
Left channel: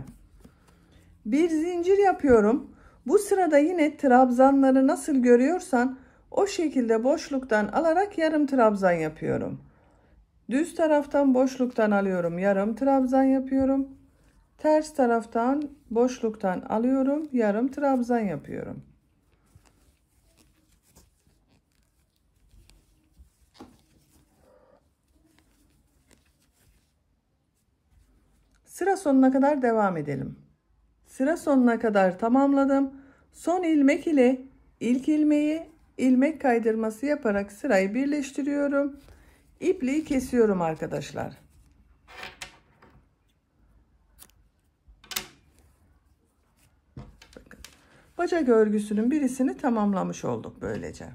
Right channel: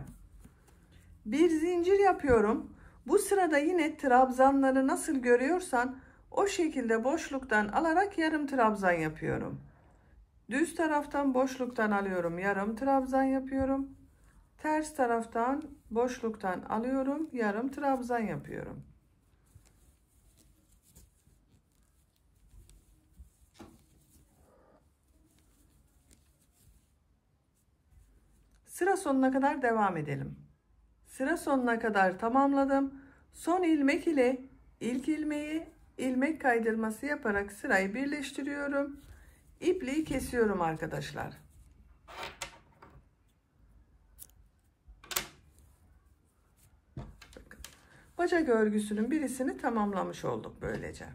Bir zincir yapıyorum. Bu sırada yine trabzanları nasıl görüyorsan o şekilde boşluktan alarak yarım trabzan yapıyorum. Düz taraftan boşluktan alıyorum, yarım trabzan yapıyorum. Ters taraftan boşluktan alıyorum, yarım trabzan yapıyorum. Sıra sonuna kadar devam edelim. Sıra sonuna kadar tamamladım. Son ilmek ile ilk ilmeği ilmek kaydırması yaparak sırayı birleştiriyorum. İpliği kesiyorum arkadaşlar. Bacak örgüsünün birisini tamamlamış olduk böylece.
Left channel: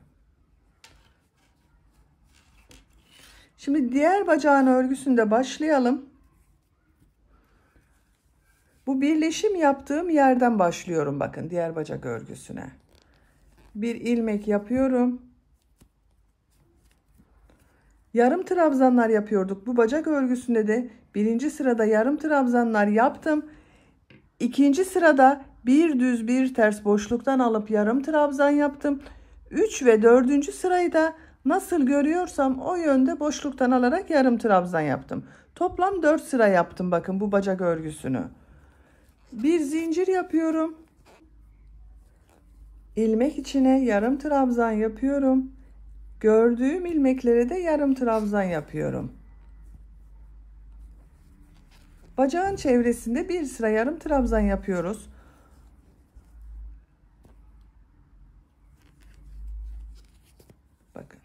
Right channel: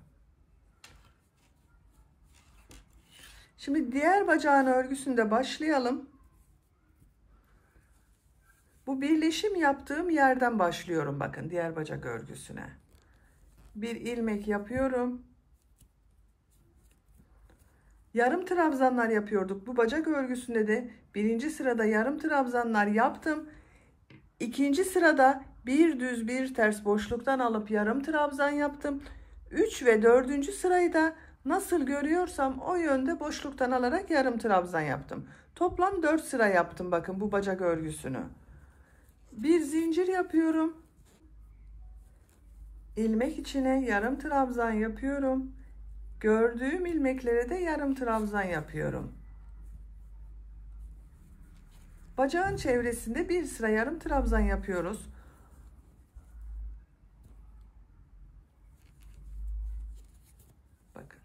Şimdi diğer bacağın örgüsünde başlayalım. Bu birleşim yaptığım yerden başlıyorum bakın diğer bacak örgüsüne. Bir ilmek yapıyorum. Yarım trabzanlar yapıyorduk. Bu bacak örgüsünde de birinci sırada yarım trabzanlar yaptım. İkinci sırada bir düz bir ters boşluktan alıp yarım trabzan yaptım. 3 ve 4. sırayı da nasıl görüyorsam o yönde boşluktan alarak yarım trabzan yaptım. Toplam 4 sıra yaptım bakın bu bacak örgüsünü. Bir zincir yapıyorum. İlmek içine yarım trabzan yapıyorum. Gördüğüm ilmeklere de yarım trabzan yapıyorum. Bacağın çevresinde bir sıra yarım trabzan yapıyoruz. Bakın.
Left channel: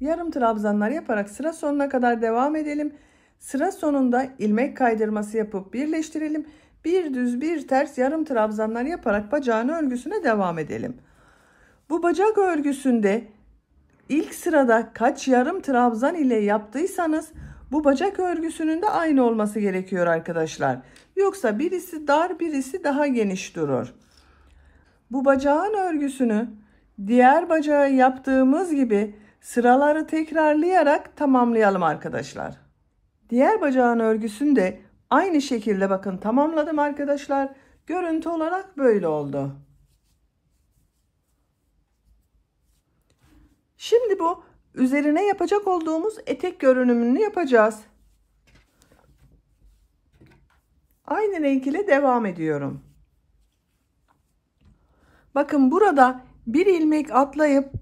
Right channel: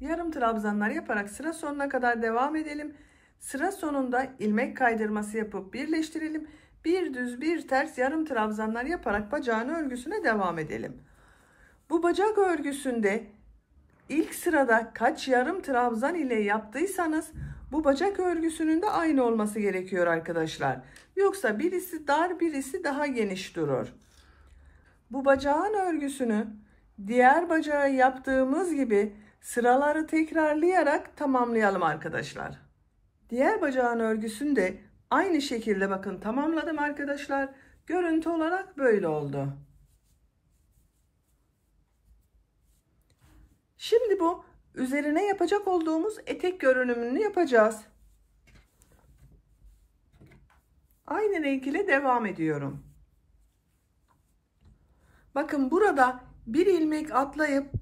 Yarım trabzanlar yaparak sıra sonuna kadar devam edelim. Sıra sonunda ilmek kaydırması yapıp birleştirelim. Bir düz bir ters yarım trabzanlar yaparak bacağın örgüsüne devam edelim. Bu bacak örgüsünde ilk sırada kaç yarım trabzan ile yaptıysanız bu bacak örgüsünün de aynı olması gerekiyor arkadaşlar. Yoksa birisi dar birisi daha geniş durur. Bu bacağın örgüsünü diğer bacağı yaptığımız gibi sıraları tekrarlayarak tamamlayalım arkadaşlar. Diğer bacağın örgüsünü de aynı şekilde bakın tamamladım arkadaşlar. Görüntü olarak böyle oldu. Şimdi bu üzerine yapacak olduğumuz etek görünümünü yapacağız. Aynı renk ile devam ediyorum. Bakın burada bir ilmek atlayıp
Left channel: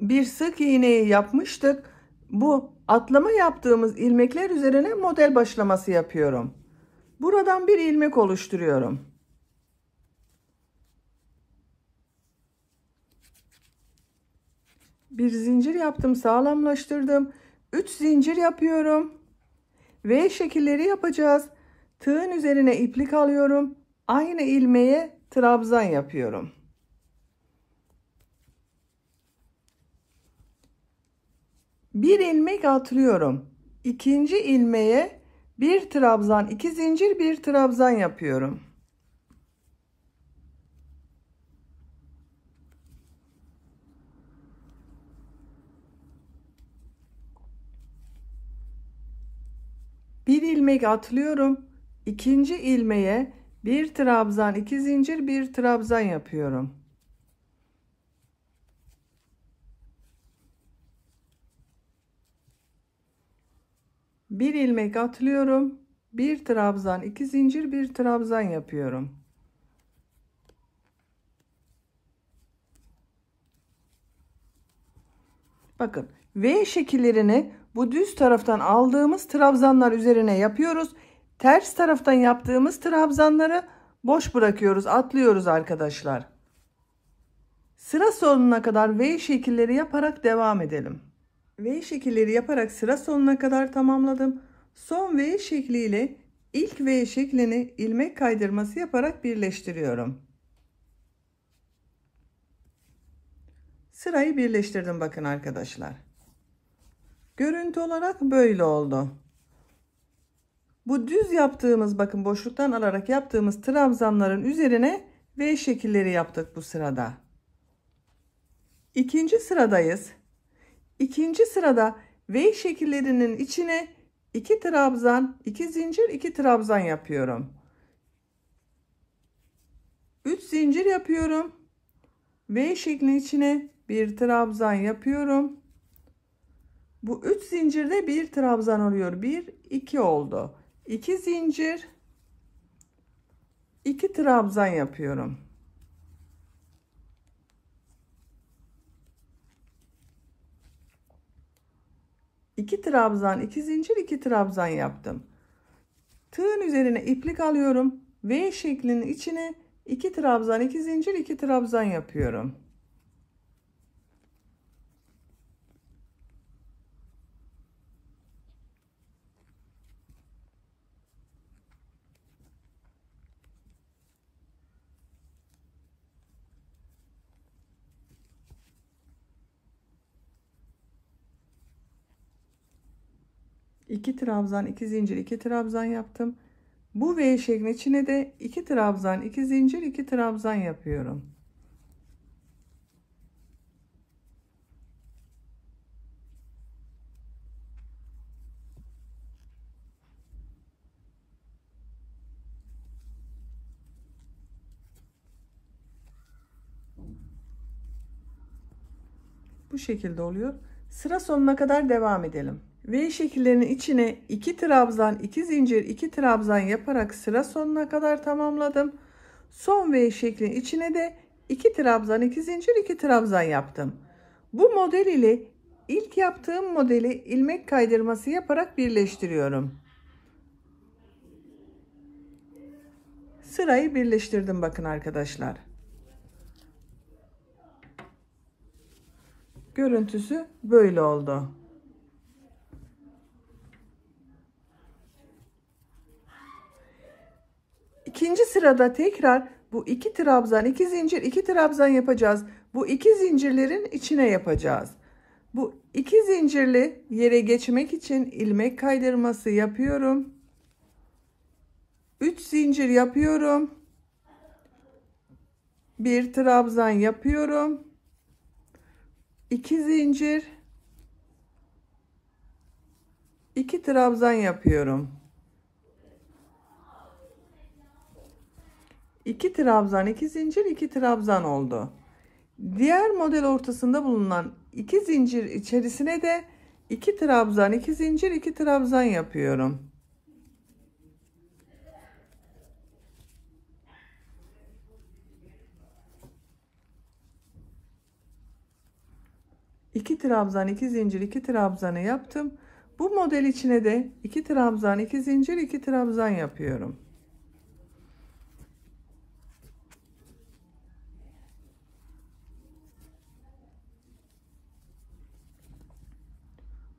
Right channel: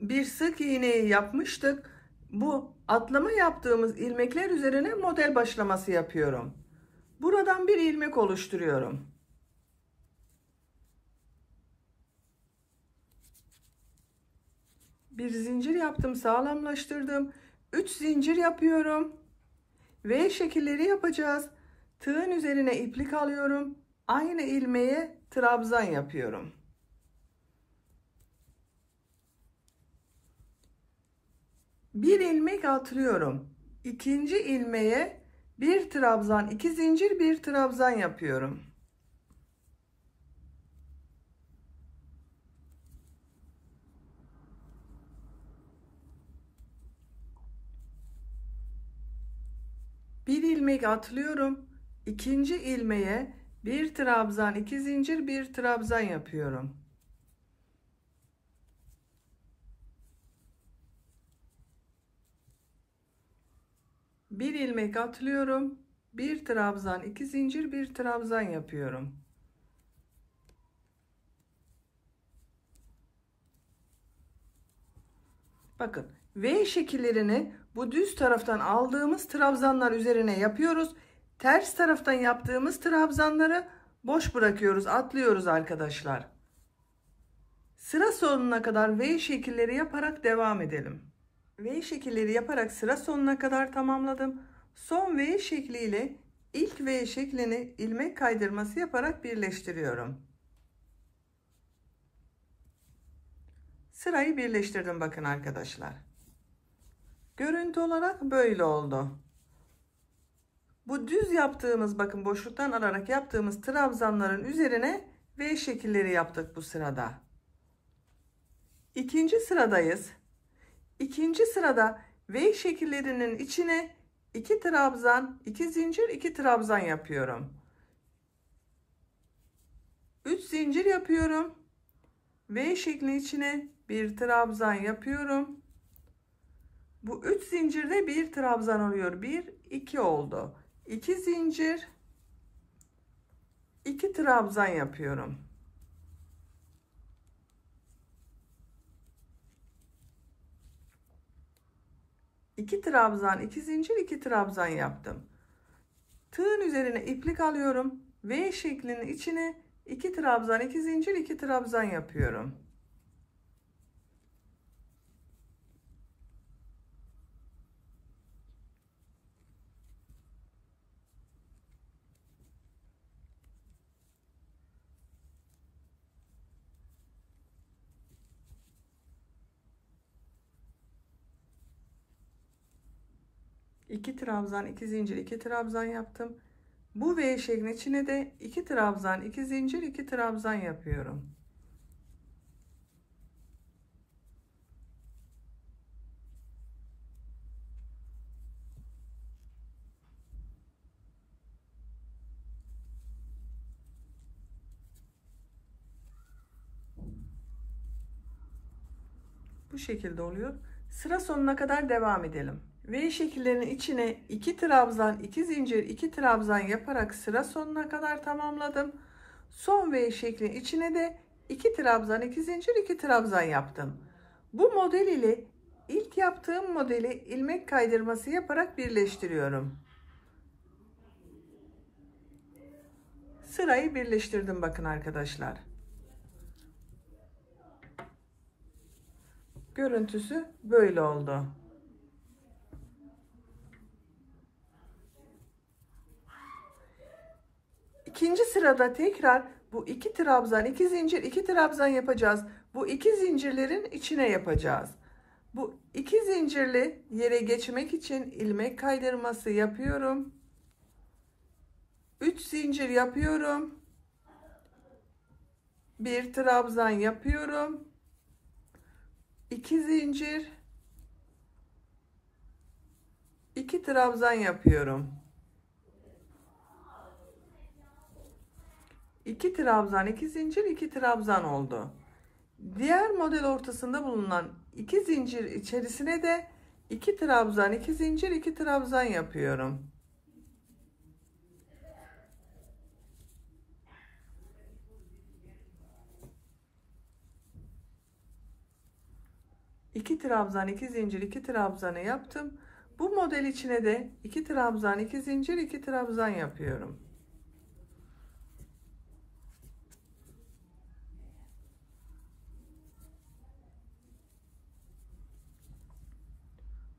bir sık iğneyi yapmıştık. Bu atlama yaptığımız ilmekler üzerine model başlaması yapıyorum. Buradan bir ilmek oluşturuyorum. Bir zincir yaptım, sağlamlaştırdım. 3 zincir yapıyorum. V şekilleri yapacağız. Tığın üzerine iplik alıyorum. Aynı ilmeğe trabzan yapıyorum. Bir ilmek atlıyorum. İkinci ilmeğe bir trabzan, 2 zincir, bir trabzan yapıyorum. Bir ilmek atlıyorum. İkinci ilmeğe bir trabzan, 2 zincir, bir trabzan yapıyorum. Bir ilmek atlıyorum. Bir trabzan, 2 zincir, bir trabzan yapıyorum. Bakın, V şekillerini bu düz taraftan aldığımız trabzanlar üzerine yapıyoruz. Ters taraftan yaptığımız trabzanları boş bırakıyoruz, atlıyoruz arkadaşlar. Sıra sonuna kadar V şekilleri yaparak devam edelim. V şekilleri yaparak sıra sonuna kadar tamamladım. Son V şekliyle ilk V şeklini ilmek kaydırması yaparak birleştiriyorum. Sırayı birleştirdim bakın arkadaşlar. Görüntü olarak böyle oldu. Bu düz yaptığımız, bakın boşluktan alarak yaptığımız trabzanların üzerine V şekilleri yaptık bu sırada. İkinci sıradayız. İkinci sırada V şekillerinin içine 2 trabzan, 2 zincir, 2 trabzan yapıyorum. 3 zincir yapıyorum. V şeklinin içine bir trabzan yapıyorum. Bu 3 zincirde bir trabzan oluyor. 1, 2 oldu. 2 zincir, 2 trabzan yapıyorum. İki trabzan, 2 zincir, 2 trabzan yaptım. Tığın üzerine iplik alıyorum. V şeklinin içine 2 trabzan, 2 zincir, 2 trabzan yapıyorum. İki trabzan, 2 zincir, 2 trabzan yaptım. Bu V şeklinin içine de 2 trabzan, 2 zincir, 2 trabzan yapıyorum. Bu şekilde oluyor. Sıra sonuna kadar devam edelim. V şekillerinin içine 2 trabzan, 2 zincir, 2 trabzan yaparak sıra sonuna kadar tamamladım. Son V şeklinin içine de 2 trabzan, 2 zincir, 2 trabzan yaptım. Bu model ile ilk yaptığım modeli ilmek kaydırması yaparak birleştiriyorum. Sırayı birleştirdim bakın arkadaşlar. Görüntüsü böyle oldu. İkinci sırada tekrar bu 2 trabzan, 2 zincir, 2 trabzan yapacağız. Bu 2 zincirlerin içine yapacağız. Bu 2 zincirli yere geçmek için ilmek kaydırması yapıyorum. 3 zincir yapıyorum. 1 trabzan yapıyorum. 2 zincir, 2 trabzan yapıyorum. 2 trabzan, 2 zincir, 2 trabzan oldu. Diğer model ortasında bulunan 2 zincir içerisine de 2 trabzan, 2 zincir, 2 trabzan yapıyorum. İki trabzan, 2 zincir, 2 trabzanı yaptım. Bu model içine de 2 trabzan, 2 zincir, 2 trabzan yapıyorum.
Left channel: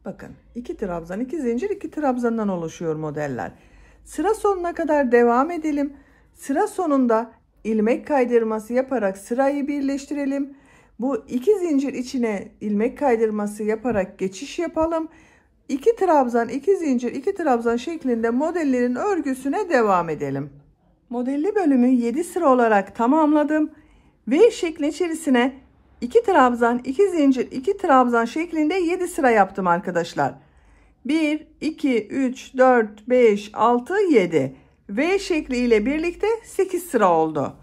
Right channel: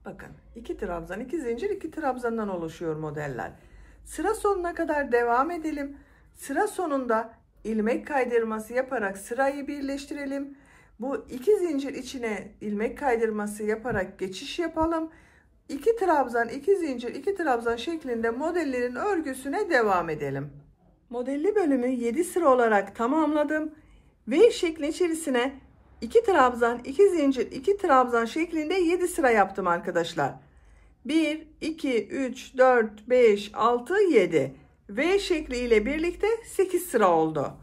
Bakın 2 trabzan, 2 zincir, 2 trabzandan oluşuyor modeller. Sıra sonuna kadar devam edelim. Sıra sonunda ilmek kaydırması yaparak sırayı birleştirelim. Bu 2 zincir içine ilmek kaydırması yaparak geçiş yapalım. 2 trabzan, 2 zincir, 2 trabzan şeklinde modellerin örgüsüne devam edelim. Modelli bölümü 7 sıra olarak tamamladım. V şekli içerisine 2 trabzan, 2 zincir, 2 trabzan şeklinde 7 sıra yaptım arkadaşlar. 1, 2, 3, 4, 5, 6, 7. V şekli ile birlikte 8 sıra oldu.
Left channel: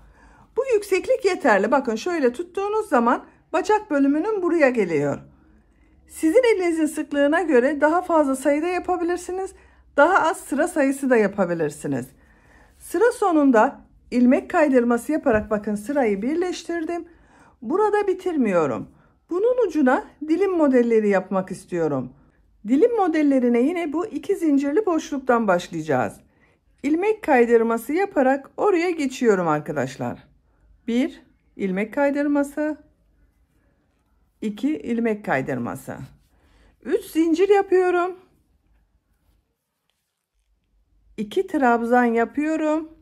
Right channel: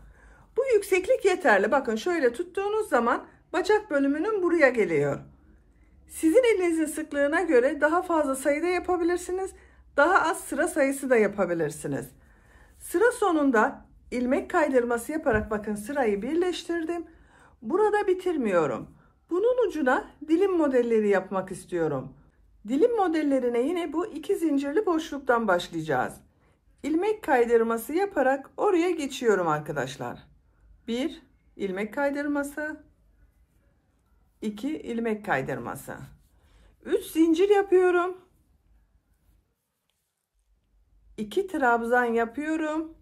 Bu yükseklik yeterli. Bakın şöyle tuttuğunuz zaman bacak bölümünün buraya geliyor. Sizin elinizin sıklığına göre daha fazla sayıda yapabilirsiniz. Daha az sıra sayısı da yapabilirsiniz. Sıra sonunda ilmek kaydırması yaparak bakın sırayı birleştirdim. Burada bitirmiyorum. Bunun ucuna dilim modelleri yapmak istiyorum. Dilim modellerine yine bu 2 zincirli boşluktan başlayacağız. İlmek kaydırması yaparak oraya geçiyorum arkadaşlar. 1 ilmek kaydırması, 2 ilmek kaydırması, 3 zincir yapıyorum, 2 trabzan yapıyorum,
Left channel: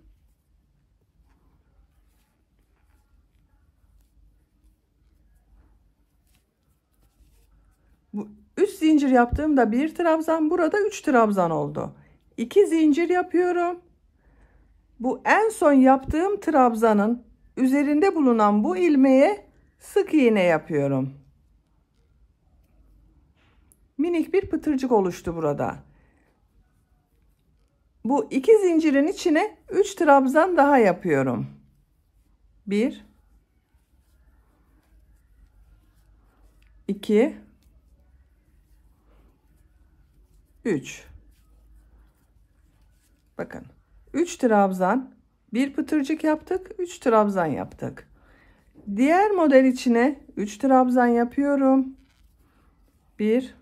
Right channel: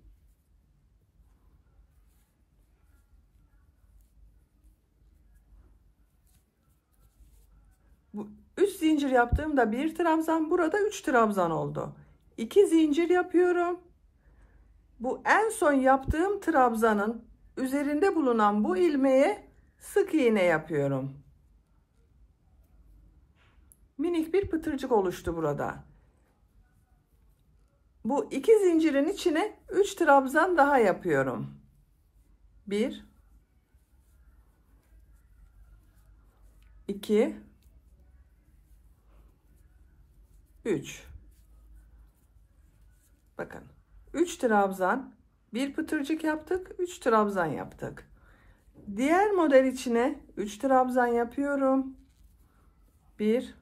bu 3 zincir yaptığımda 1 trabzan, burada 3 trabzan oldu. 2 zincir yapıyorum. Bu en son yaptığım trabzanın üzerinde bulunan bu ilmeğe sık iğne yapıyorum. Minik bir pıtırcık oluştu burada. Bu 2 zincirin içine 3 trabzan daha yapıyorum. 1 2 3. Bakın 3 trabzan, bir pıtırcık yaptık, 3 trabzan yaptık. Diğer model içine 3 trabzan yapıyorum. 1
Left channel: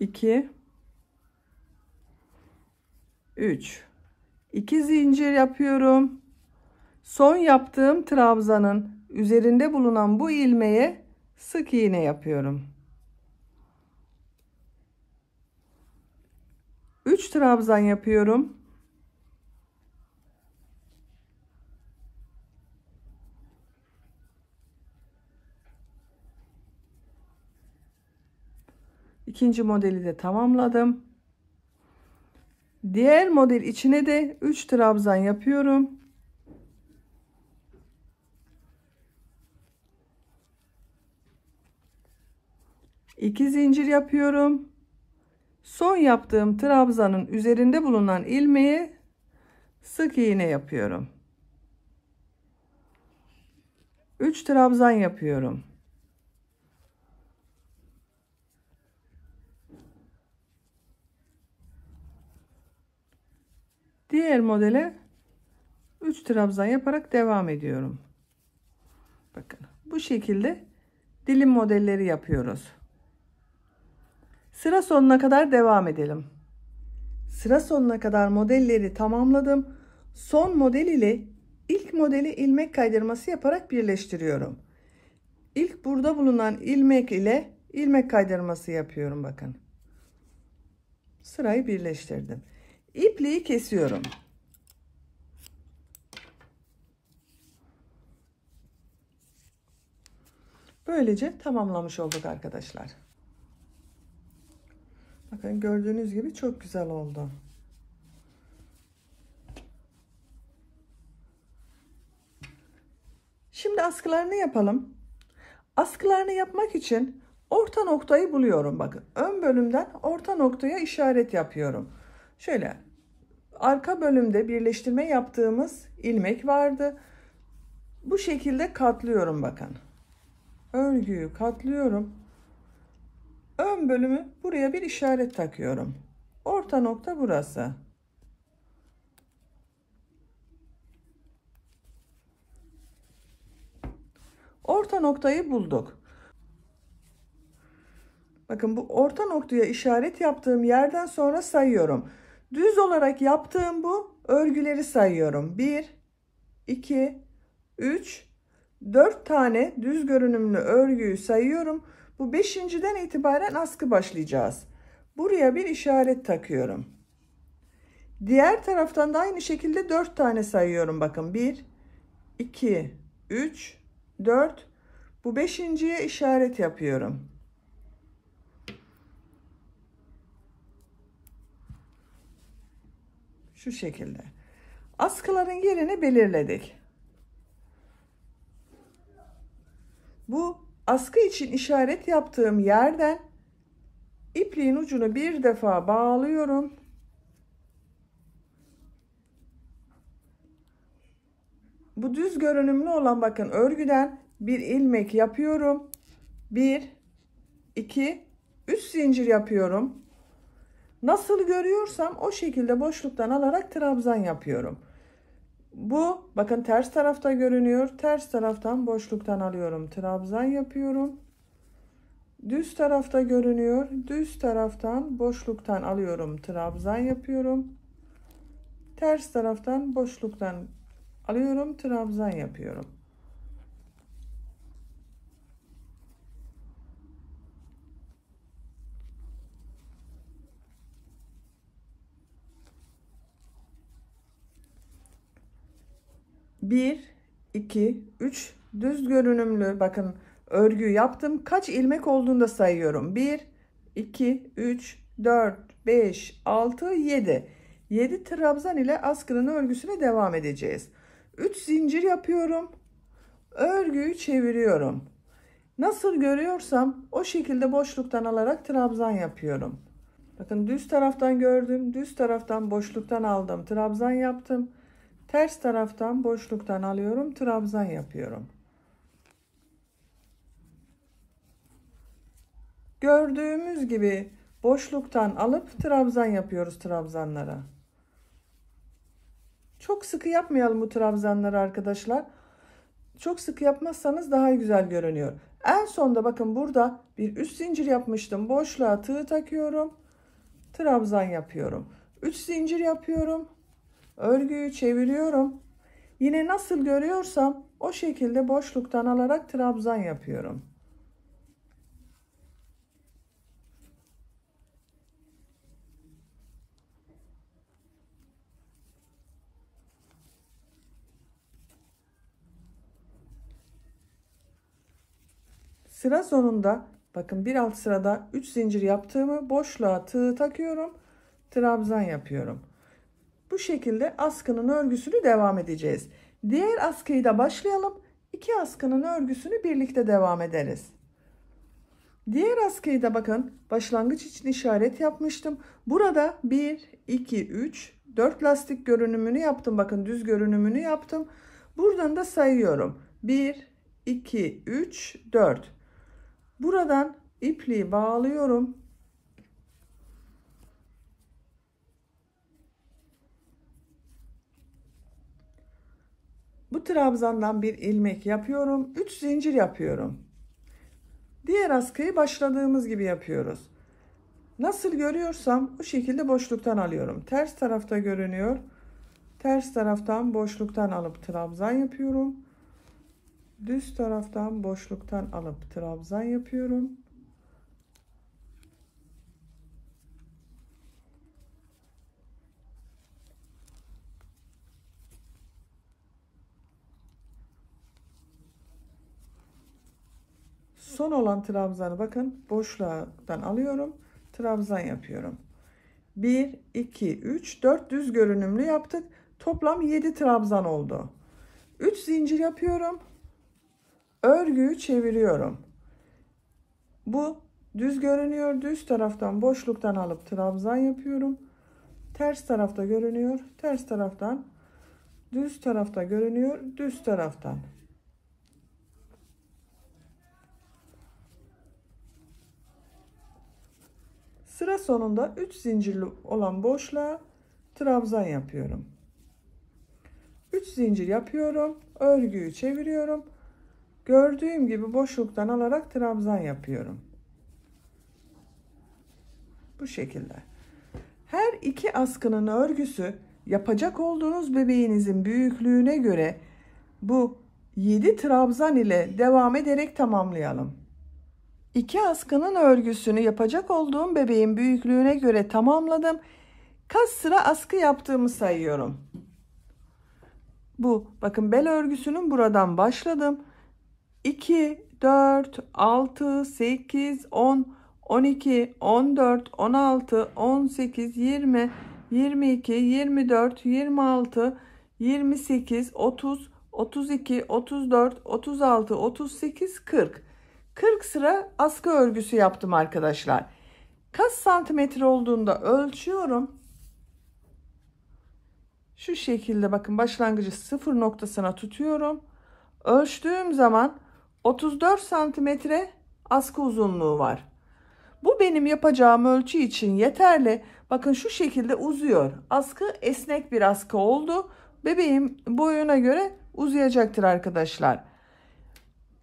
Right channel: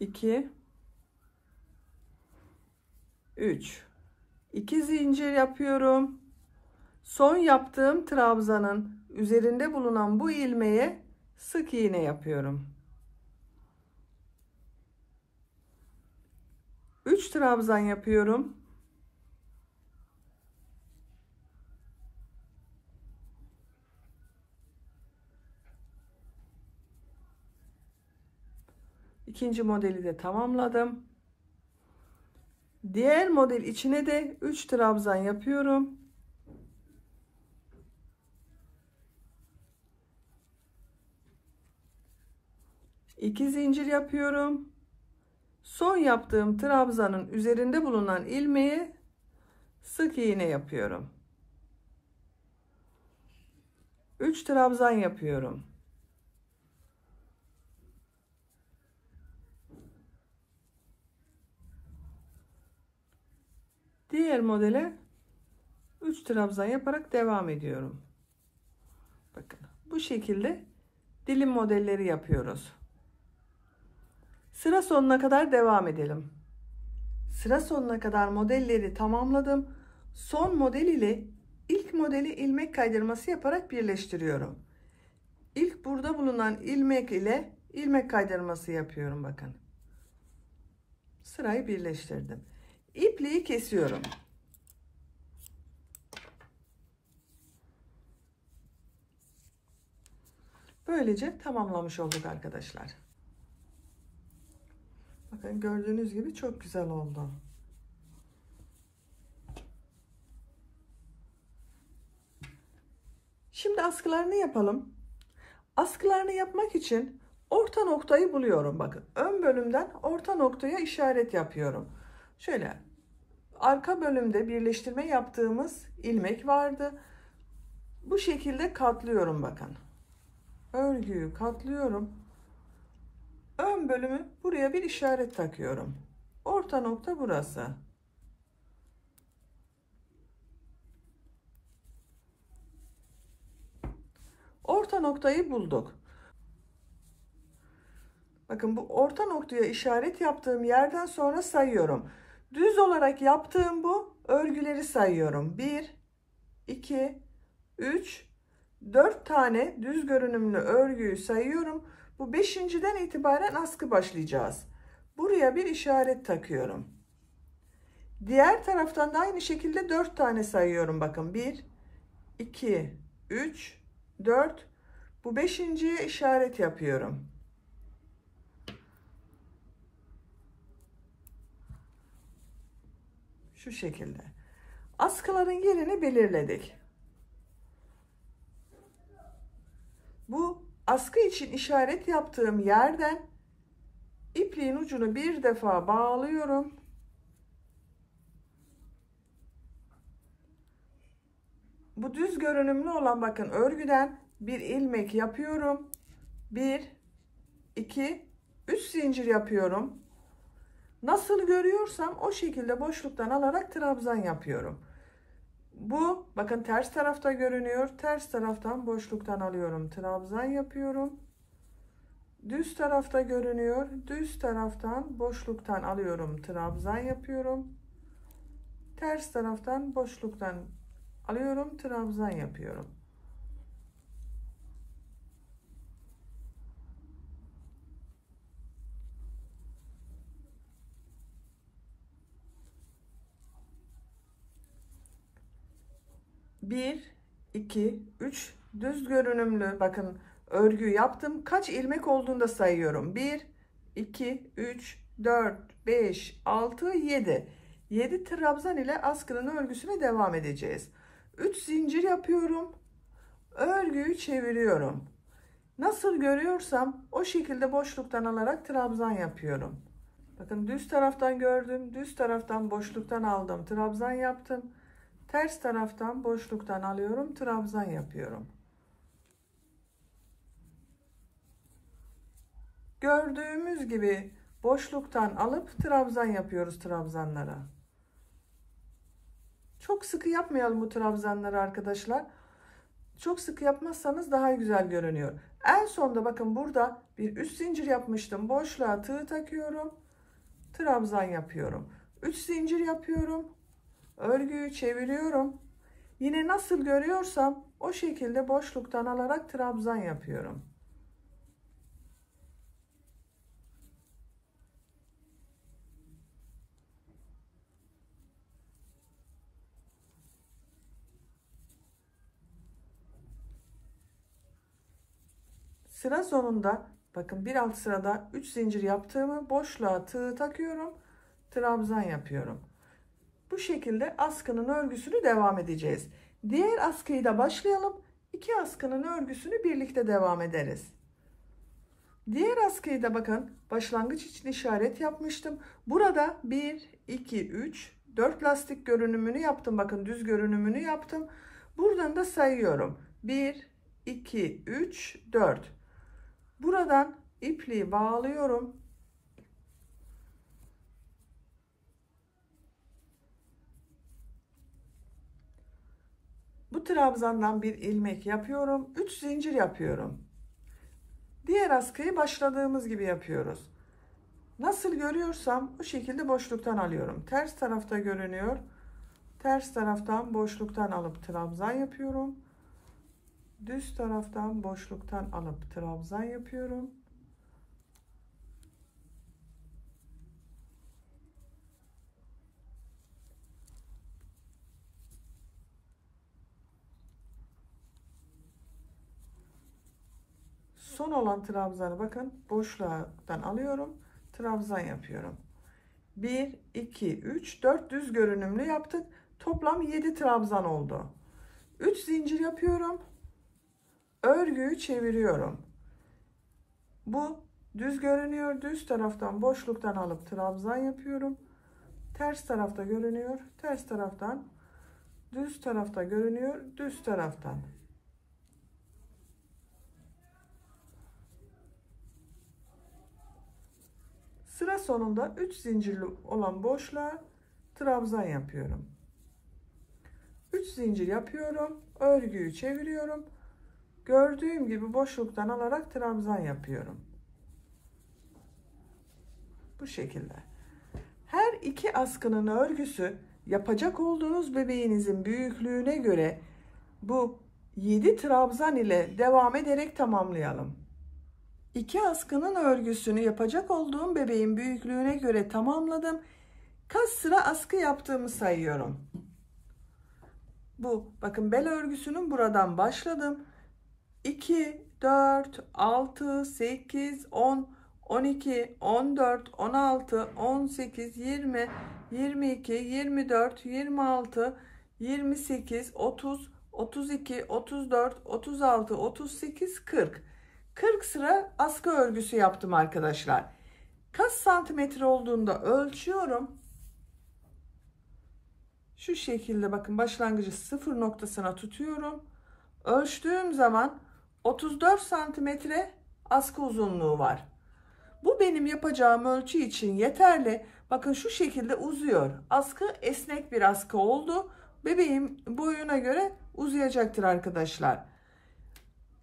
2 3. 2 zincir yapıyorum. Son yaptığım trabzanın üzerinde bulunan bu ilmeğe sık iğne yapıyorum. 3 trabzan yapıyorum. İkinci modeli de tamamladım. Diğer model içine de 3 trabzan yapıyorum. İki zincir yapıyorum. Son yaptığım trabzanın üzerinde bulunan ilmeğe sık iğne yapıyorum. 3 trabzan yapıyorum. Diğer modele 3 trabzan yaparak devam ediyorum. Bakın bu şekilde dilim modelleri yapıyoruz. Sıra sonuna kadar devam edelim. Sıra sonuna kadar modelleri tamamladım. Son model ile ilk modeli ilmek kaydırması yaparak birleştiriyorum. İlk burada bulunan ilmek ile ilmek kaydırması yapıyorum bakın. Sırayı birleştirdim. İpliği kesiyorum. Böylece tamamlamış olduk arkadaşlar. Bakın gördüğünüz gibi çok güzel oldu. Şimdi askılarını yapalım. Askılarını yapmak için orta noktayı buluyorum. Bakın ön bölümden orta noktaya işaret yapıyorum. Şöyle arka bölümde birleştirme yaptığımız ilmek vardı. Bu şekilde katlıyorum bakın. Örgüyü katlıyorum. Ön bölümü buraya bir işaret takıyorum. Orta nokta burası. Orta noktayı bulduk. Bakın bu orta noktaya işaret yaptığım yerden sonra sayıyorum. Düz olarak yaptığım bu örgüleri sayıyorum. 1, 2, 3, 4 tane düz görünümlü örgüyü sayıyorum. Bu 5.'den itibaren askı başlayacağız. Buraya bir işaret takıyorum. Diğer taraftan da aynı şekilde 4 tane sayıyorum. Bakın 1, 2, 3, 4. Bu 5.'ye işaret yapıyorum. Şu şekilde. Askıların yerini belirledik. Bu askı için işaret yaptığım yerden ipliğin ucunu bir defa bağlıyorum. Bu düz görünümlü olan bakın örgüden bir ilmek yapıyorum. 1, 2, 3 zincir yapıyorum. Nasıl görüyorsam o şekilde boşluktan alarak trabzan yapıyorum. Bu bakın ters tarafta görünüyor. Ters taraftan boşluktan alıyorum. Trabzan yapıyorum. Düz tarafta görünüyor. Düz taraftan boşluktan alıyorum. Trabzan yapıyorum. Ters taraftan boşluktan alıyorum. Trabzan yapıyorum. Bir, 2, 3 düz görünümlü bakın örgü yaptım. Kaç ilmek olduğunu da sayıyorum. 1, 2, 3, 4, 5, 6, 7. 7 trabzan ile askının örgüsüne devam edeceğiz. 3 zincir yapıyorum. Örgüyü çeviriyorum. Nasıl görüyorsam o şekilde boşluktan alarak trabzan yapıyorum. Bakın düz taraftan gördüm. Düz taraftan boşluktan aldım. Trabzan yaptım. Ters taraftan boşluktan alıyorum. Trabzan yapıyorum. Gördüğümüz gibi boşluktan alıp trabzan yapıyoruz trabzanlara. Çok sıkı yapmayalım bu trabzanları arkadaşlar. Çok sıkı yapmazsanız daha güzel görünüyor. En sonda bakın burada bir üst zincir yapmıştım. Boşluğa tığ takıyorum. Trabzan yapıyorum. 3 zincir yapıyorum. Örgüyü çeviriyorum. Yine nasıl görüyorsam o şekilde boşluktan alarak trabzan yapıyorum. Sıra sonunda bakın bir alt sırada 3 zincir yaptığımı boşluğa tığ takıyorum. Trabzan yapıyorum. Bu şekilde askının örgüsünü devam edeceğiz. Diğer askıyı da başlayalım. 2 askının örgüsünü birlikte devam ederiz. Diğer askıyı da bakın başlangıç için işaret yapmıştım. Burada 1, 2, 3, 4 lastik görünümünü yaptım. Bakın düz görünümünü yaptım. Buradan da sayıyorum. 1, 2, 3, 4. Buradan ipliği bağlıyorum. Bu trabzandan bir ilmek yapıyorum. 3 zincir yapıyorum. Diğer askıyı başladığımız gibi yapıyoruz. Nasıl görüyorsam bu şekilde boşluktan alıyorum. Ters tarafta görünüyor. Ters taraftan boşluktan alıp trabzan yapıyorum. Düz taraftan boşluktan alıp trabzan yapıyorum. Son olan trabzanı bakın boşluktan alıyorum. Trabzan yapıyorum. 1, 2, 3, 4 düz görünümlü yaptık. Toplam 7 trabzan oldu. 3 zincir yapıyorum. Örgüyü çeviriyorum. Bu düz görünüyor. Düz taraftan boşluktan alıp trabzan yapıyorum. Ters tarafta görünüyor. Ters taraftan düz tarafta görünüyor. Düz taraftan. Sıra sonunda 3 zincirli olan boşluğa trabzan yapıyorum. 3 zincir yapıyorum. Örgüyü çeviriyorum. Gördüğüm gibi boşluktan alarak trabzan yapıyorum. Bu şekilde. Her iki askının örgüsü yapacak olduğunuz bebeğinizin büyüklüğüne göre bu 7 trabzan ile devam ederek tamamlayalım. İki askının örgüsünü yapacak olduğum bebeğin büyüklüğüne göre tamamladım. Kaç sıra askı yaptığımı sayıyorum. Bu bakın bel örgüsünün buradan başladım. 2, 4, 6, 8, 10, 12, 14, 16, 18, 20, 22, 24, 26, 28, 30, 32, 34, 36, 38, 40. 40 sıra askı örgüsü yaptım arkadaşlar. Kaç santimetre olduğunda ölçüyorum. Şu şekilde bakın başlangıcı sıfır noktasına tutuyorum. Ölçtüğüm zaman 34 santimetre askı uzunluğu var. Bu benim yapacağım ölçü için yeterli. Bakın şu şekilde uzuyor. Askı esnek bir askı oldu. Bebeğim boyuna göre uzayacaktır arkadaşlar.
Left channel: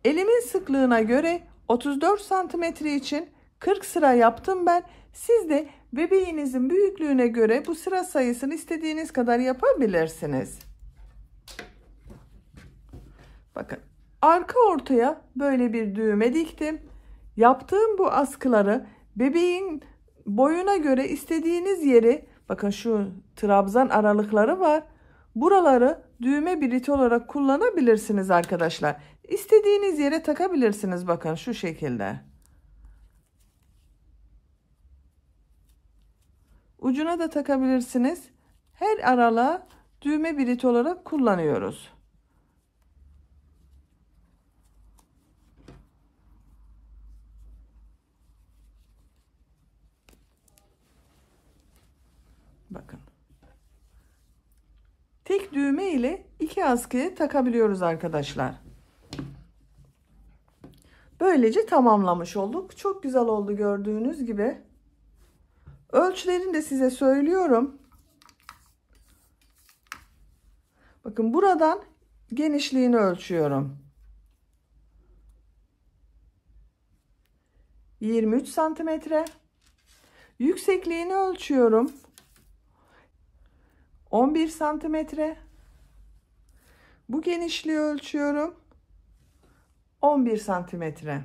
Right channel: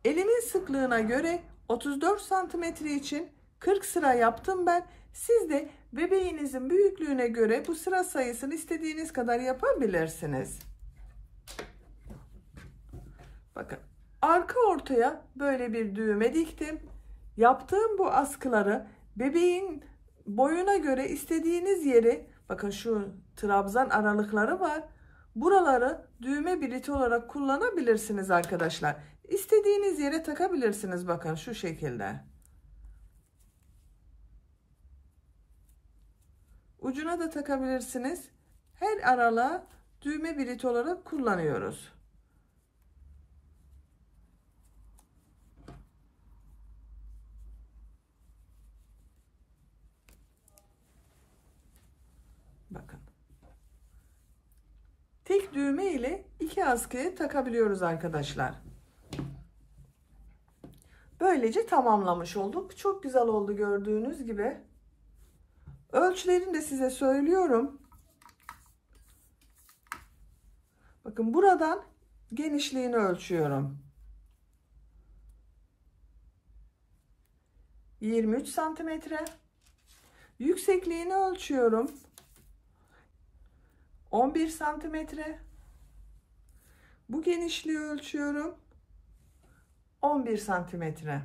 Elimin sıklığına göre 34 santimetre için 40 sıra yaptım ben. Siz de bebeğinizin büyüklüğüne göre bu sıra sayısını istediğiniz kadar yapabilirsiniz. Bakın arka ortaya böyle bir düğme diktim. Yaptığım bu askıları bebeğin boyuna göre istediğiniz yeri, bakın şu trabzan aralıkları var. Buraları düğme birit olarak kullanabilirsiniz arkadaşlar. İstediğiniz yere takabilirsiniz bakın şu şekilde. Ucuna da takabilirsiniz. Her aralığa düğme birit olarak kullanıyoruz. Bakın. Tek düğme ile iki askıyı takabiliyoruz arkadaşlar. Böylece tamamlamış olduk. Çok güzel oldu gördüğünüz gibi. Ölçülerini de size söylüyorum. Bakın buradan genişliğini ölçüyorum. 23 santimetre. Yüksekliğini ölçüyorum. 11 santimetre. Bu genişliği ölçüyorum. 11 santimetre.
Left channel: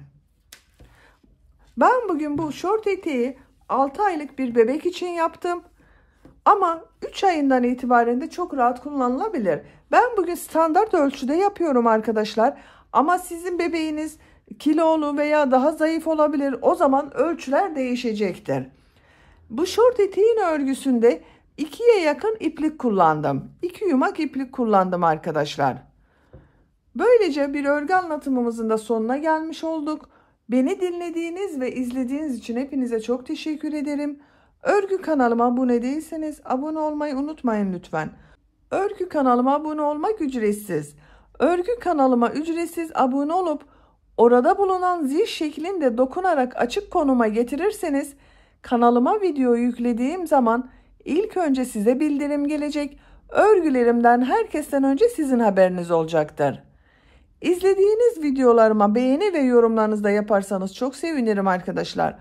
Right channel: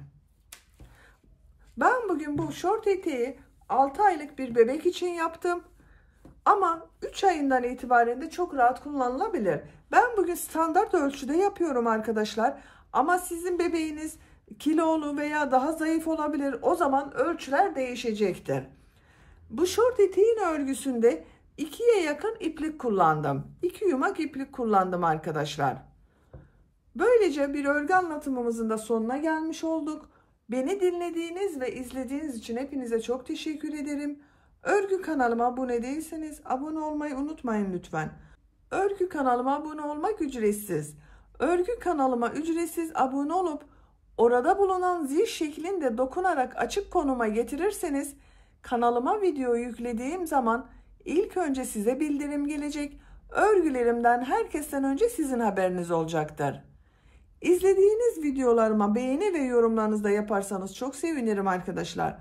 Ben bugün bu şort eteği 6 aylık bir bebek için yaptım. Ama 3 ayından itibaren de çok rahat kullanılabilir. Ben bugün standart ölçüde yapıyorum arkadaşlar. Ama sizin bebeğiniz kilolu veya daha zayıf olabilir. O zaman ölçüler değişecektir. Bu şort eteğin örgüsünde 2'ye yakın iplik kullandım. 2 yumak iplik kullandım arkadaşlar. Böylece bir örgü anlatımımızın da sonuna gelmiş olduk. Beni dinlediğiniz ve izlediğiniz için hepinize çok teşekkür ederim. Örgü kanalıma abone değilseniz abone olmayı unutmayın lütfen. Örgü kanalıma abone olmak ücretsiz. Örgü kanalıma ücretsiz abone olup orada bulunan zil şeklinde dokunarak açık konuma getirirseniz kanalıma video yüklediğim zaman ilk önce size bildirim gelecek. Örgülerimden herkesten önce sizin haberiniz olacaktır. İzlediğiniz videolarıma beğeni ve yorumlarınızı da yaparsanız çok sevinirim arkadaşlar.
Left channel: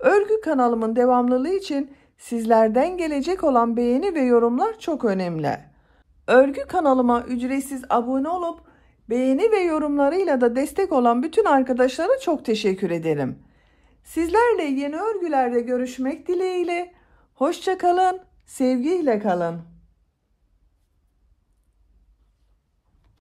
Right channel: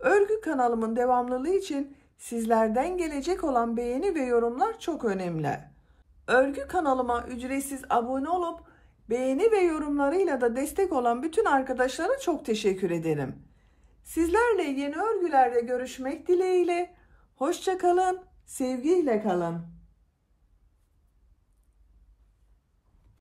Örgü kanalımın devamlılığı için sizlerden gelecek olan beğeni ve yorumlar çok önemli. Örgü kanalıma ücretsiz abone olup beğeni ve yorumlarıyla da destek olan bütün arkadaşlara çok teşekkür ederim. Sizlerle yeni örgülerde görüşmek dileğiyle. Hoşça kalın, sevgiyle kalın.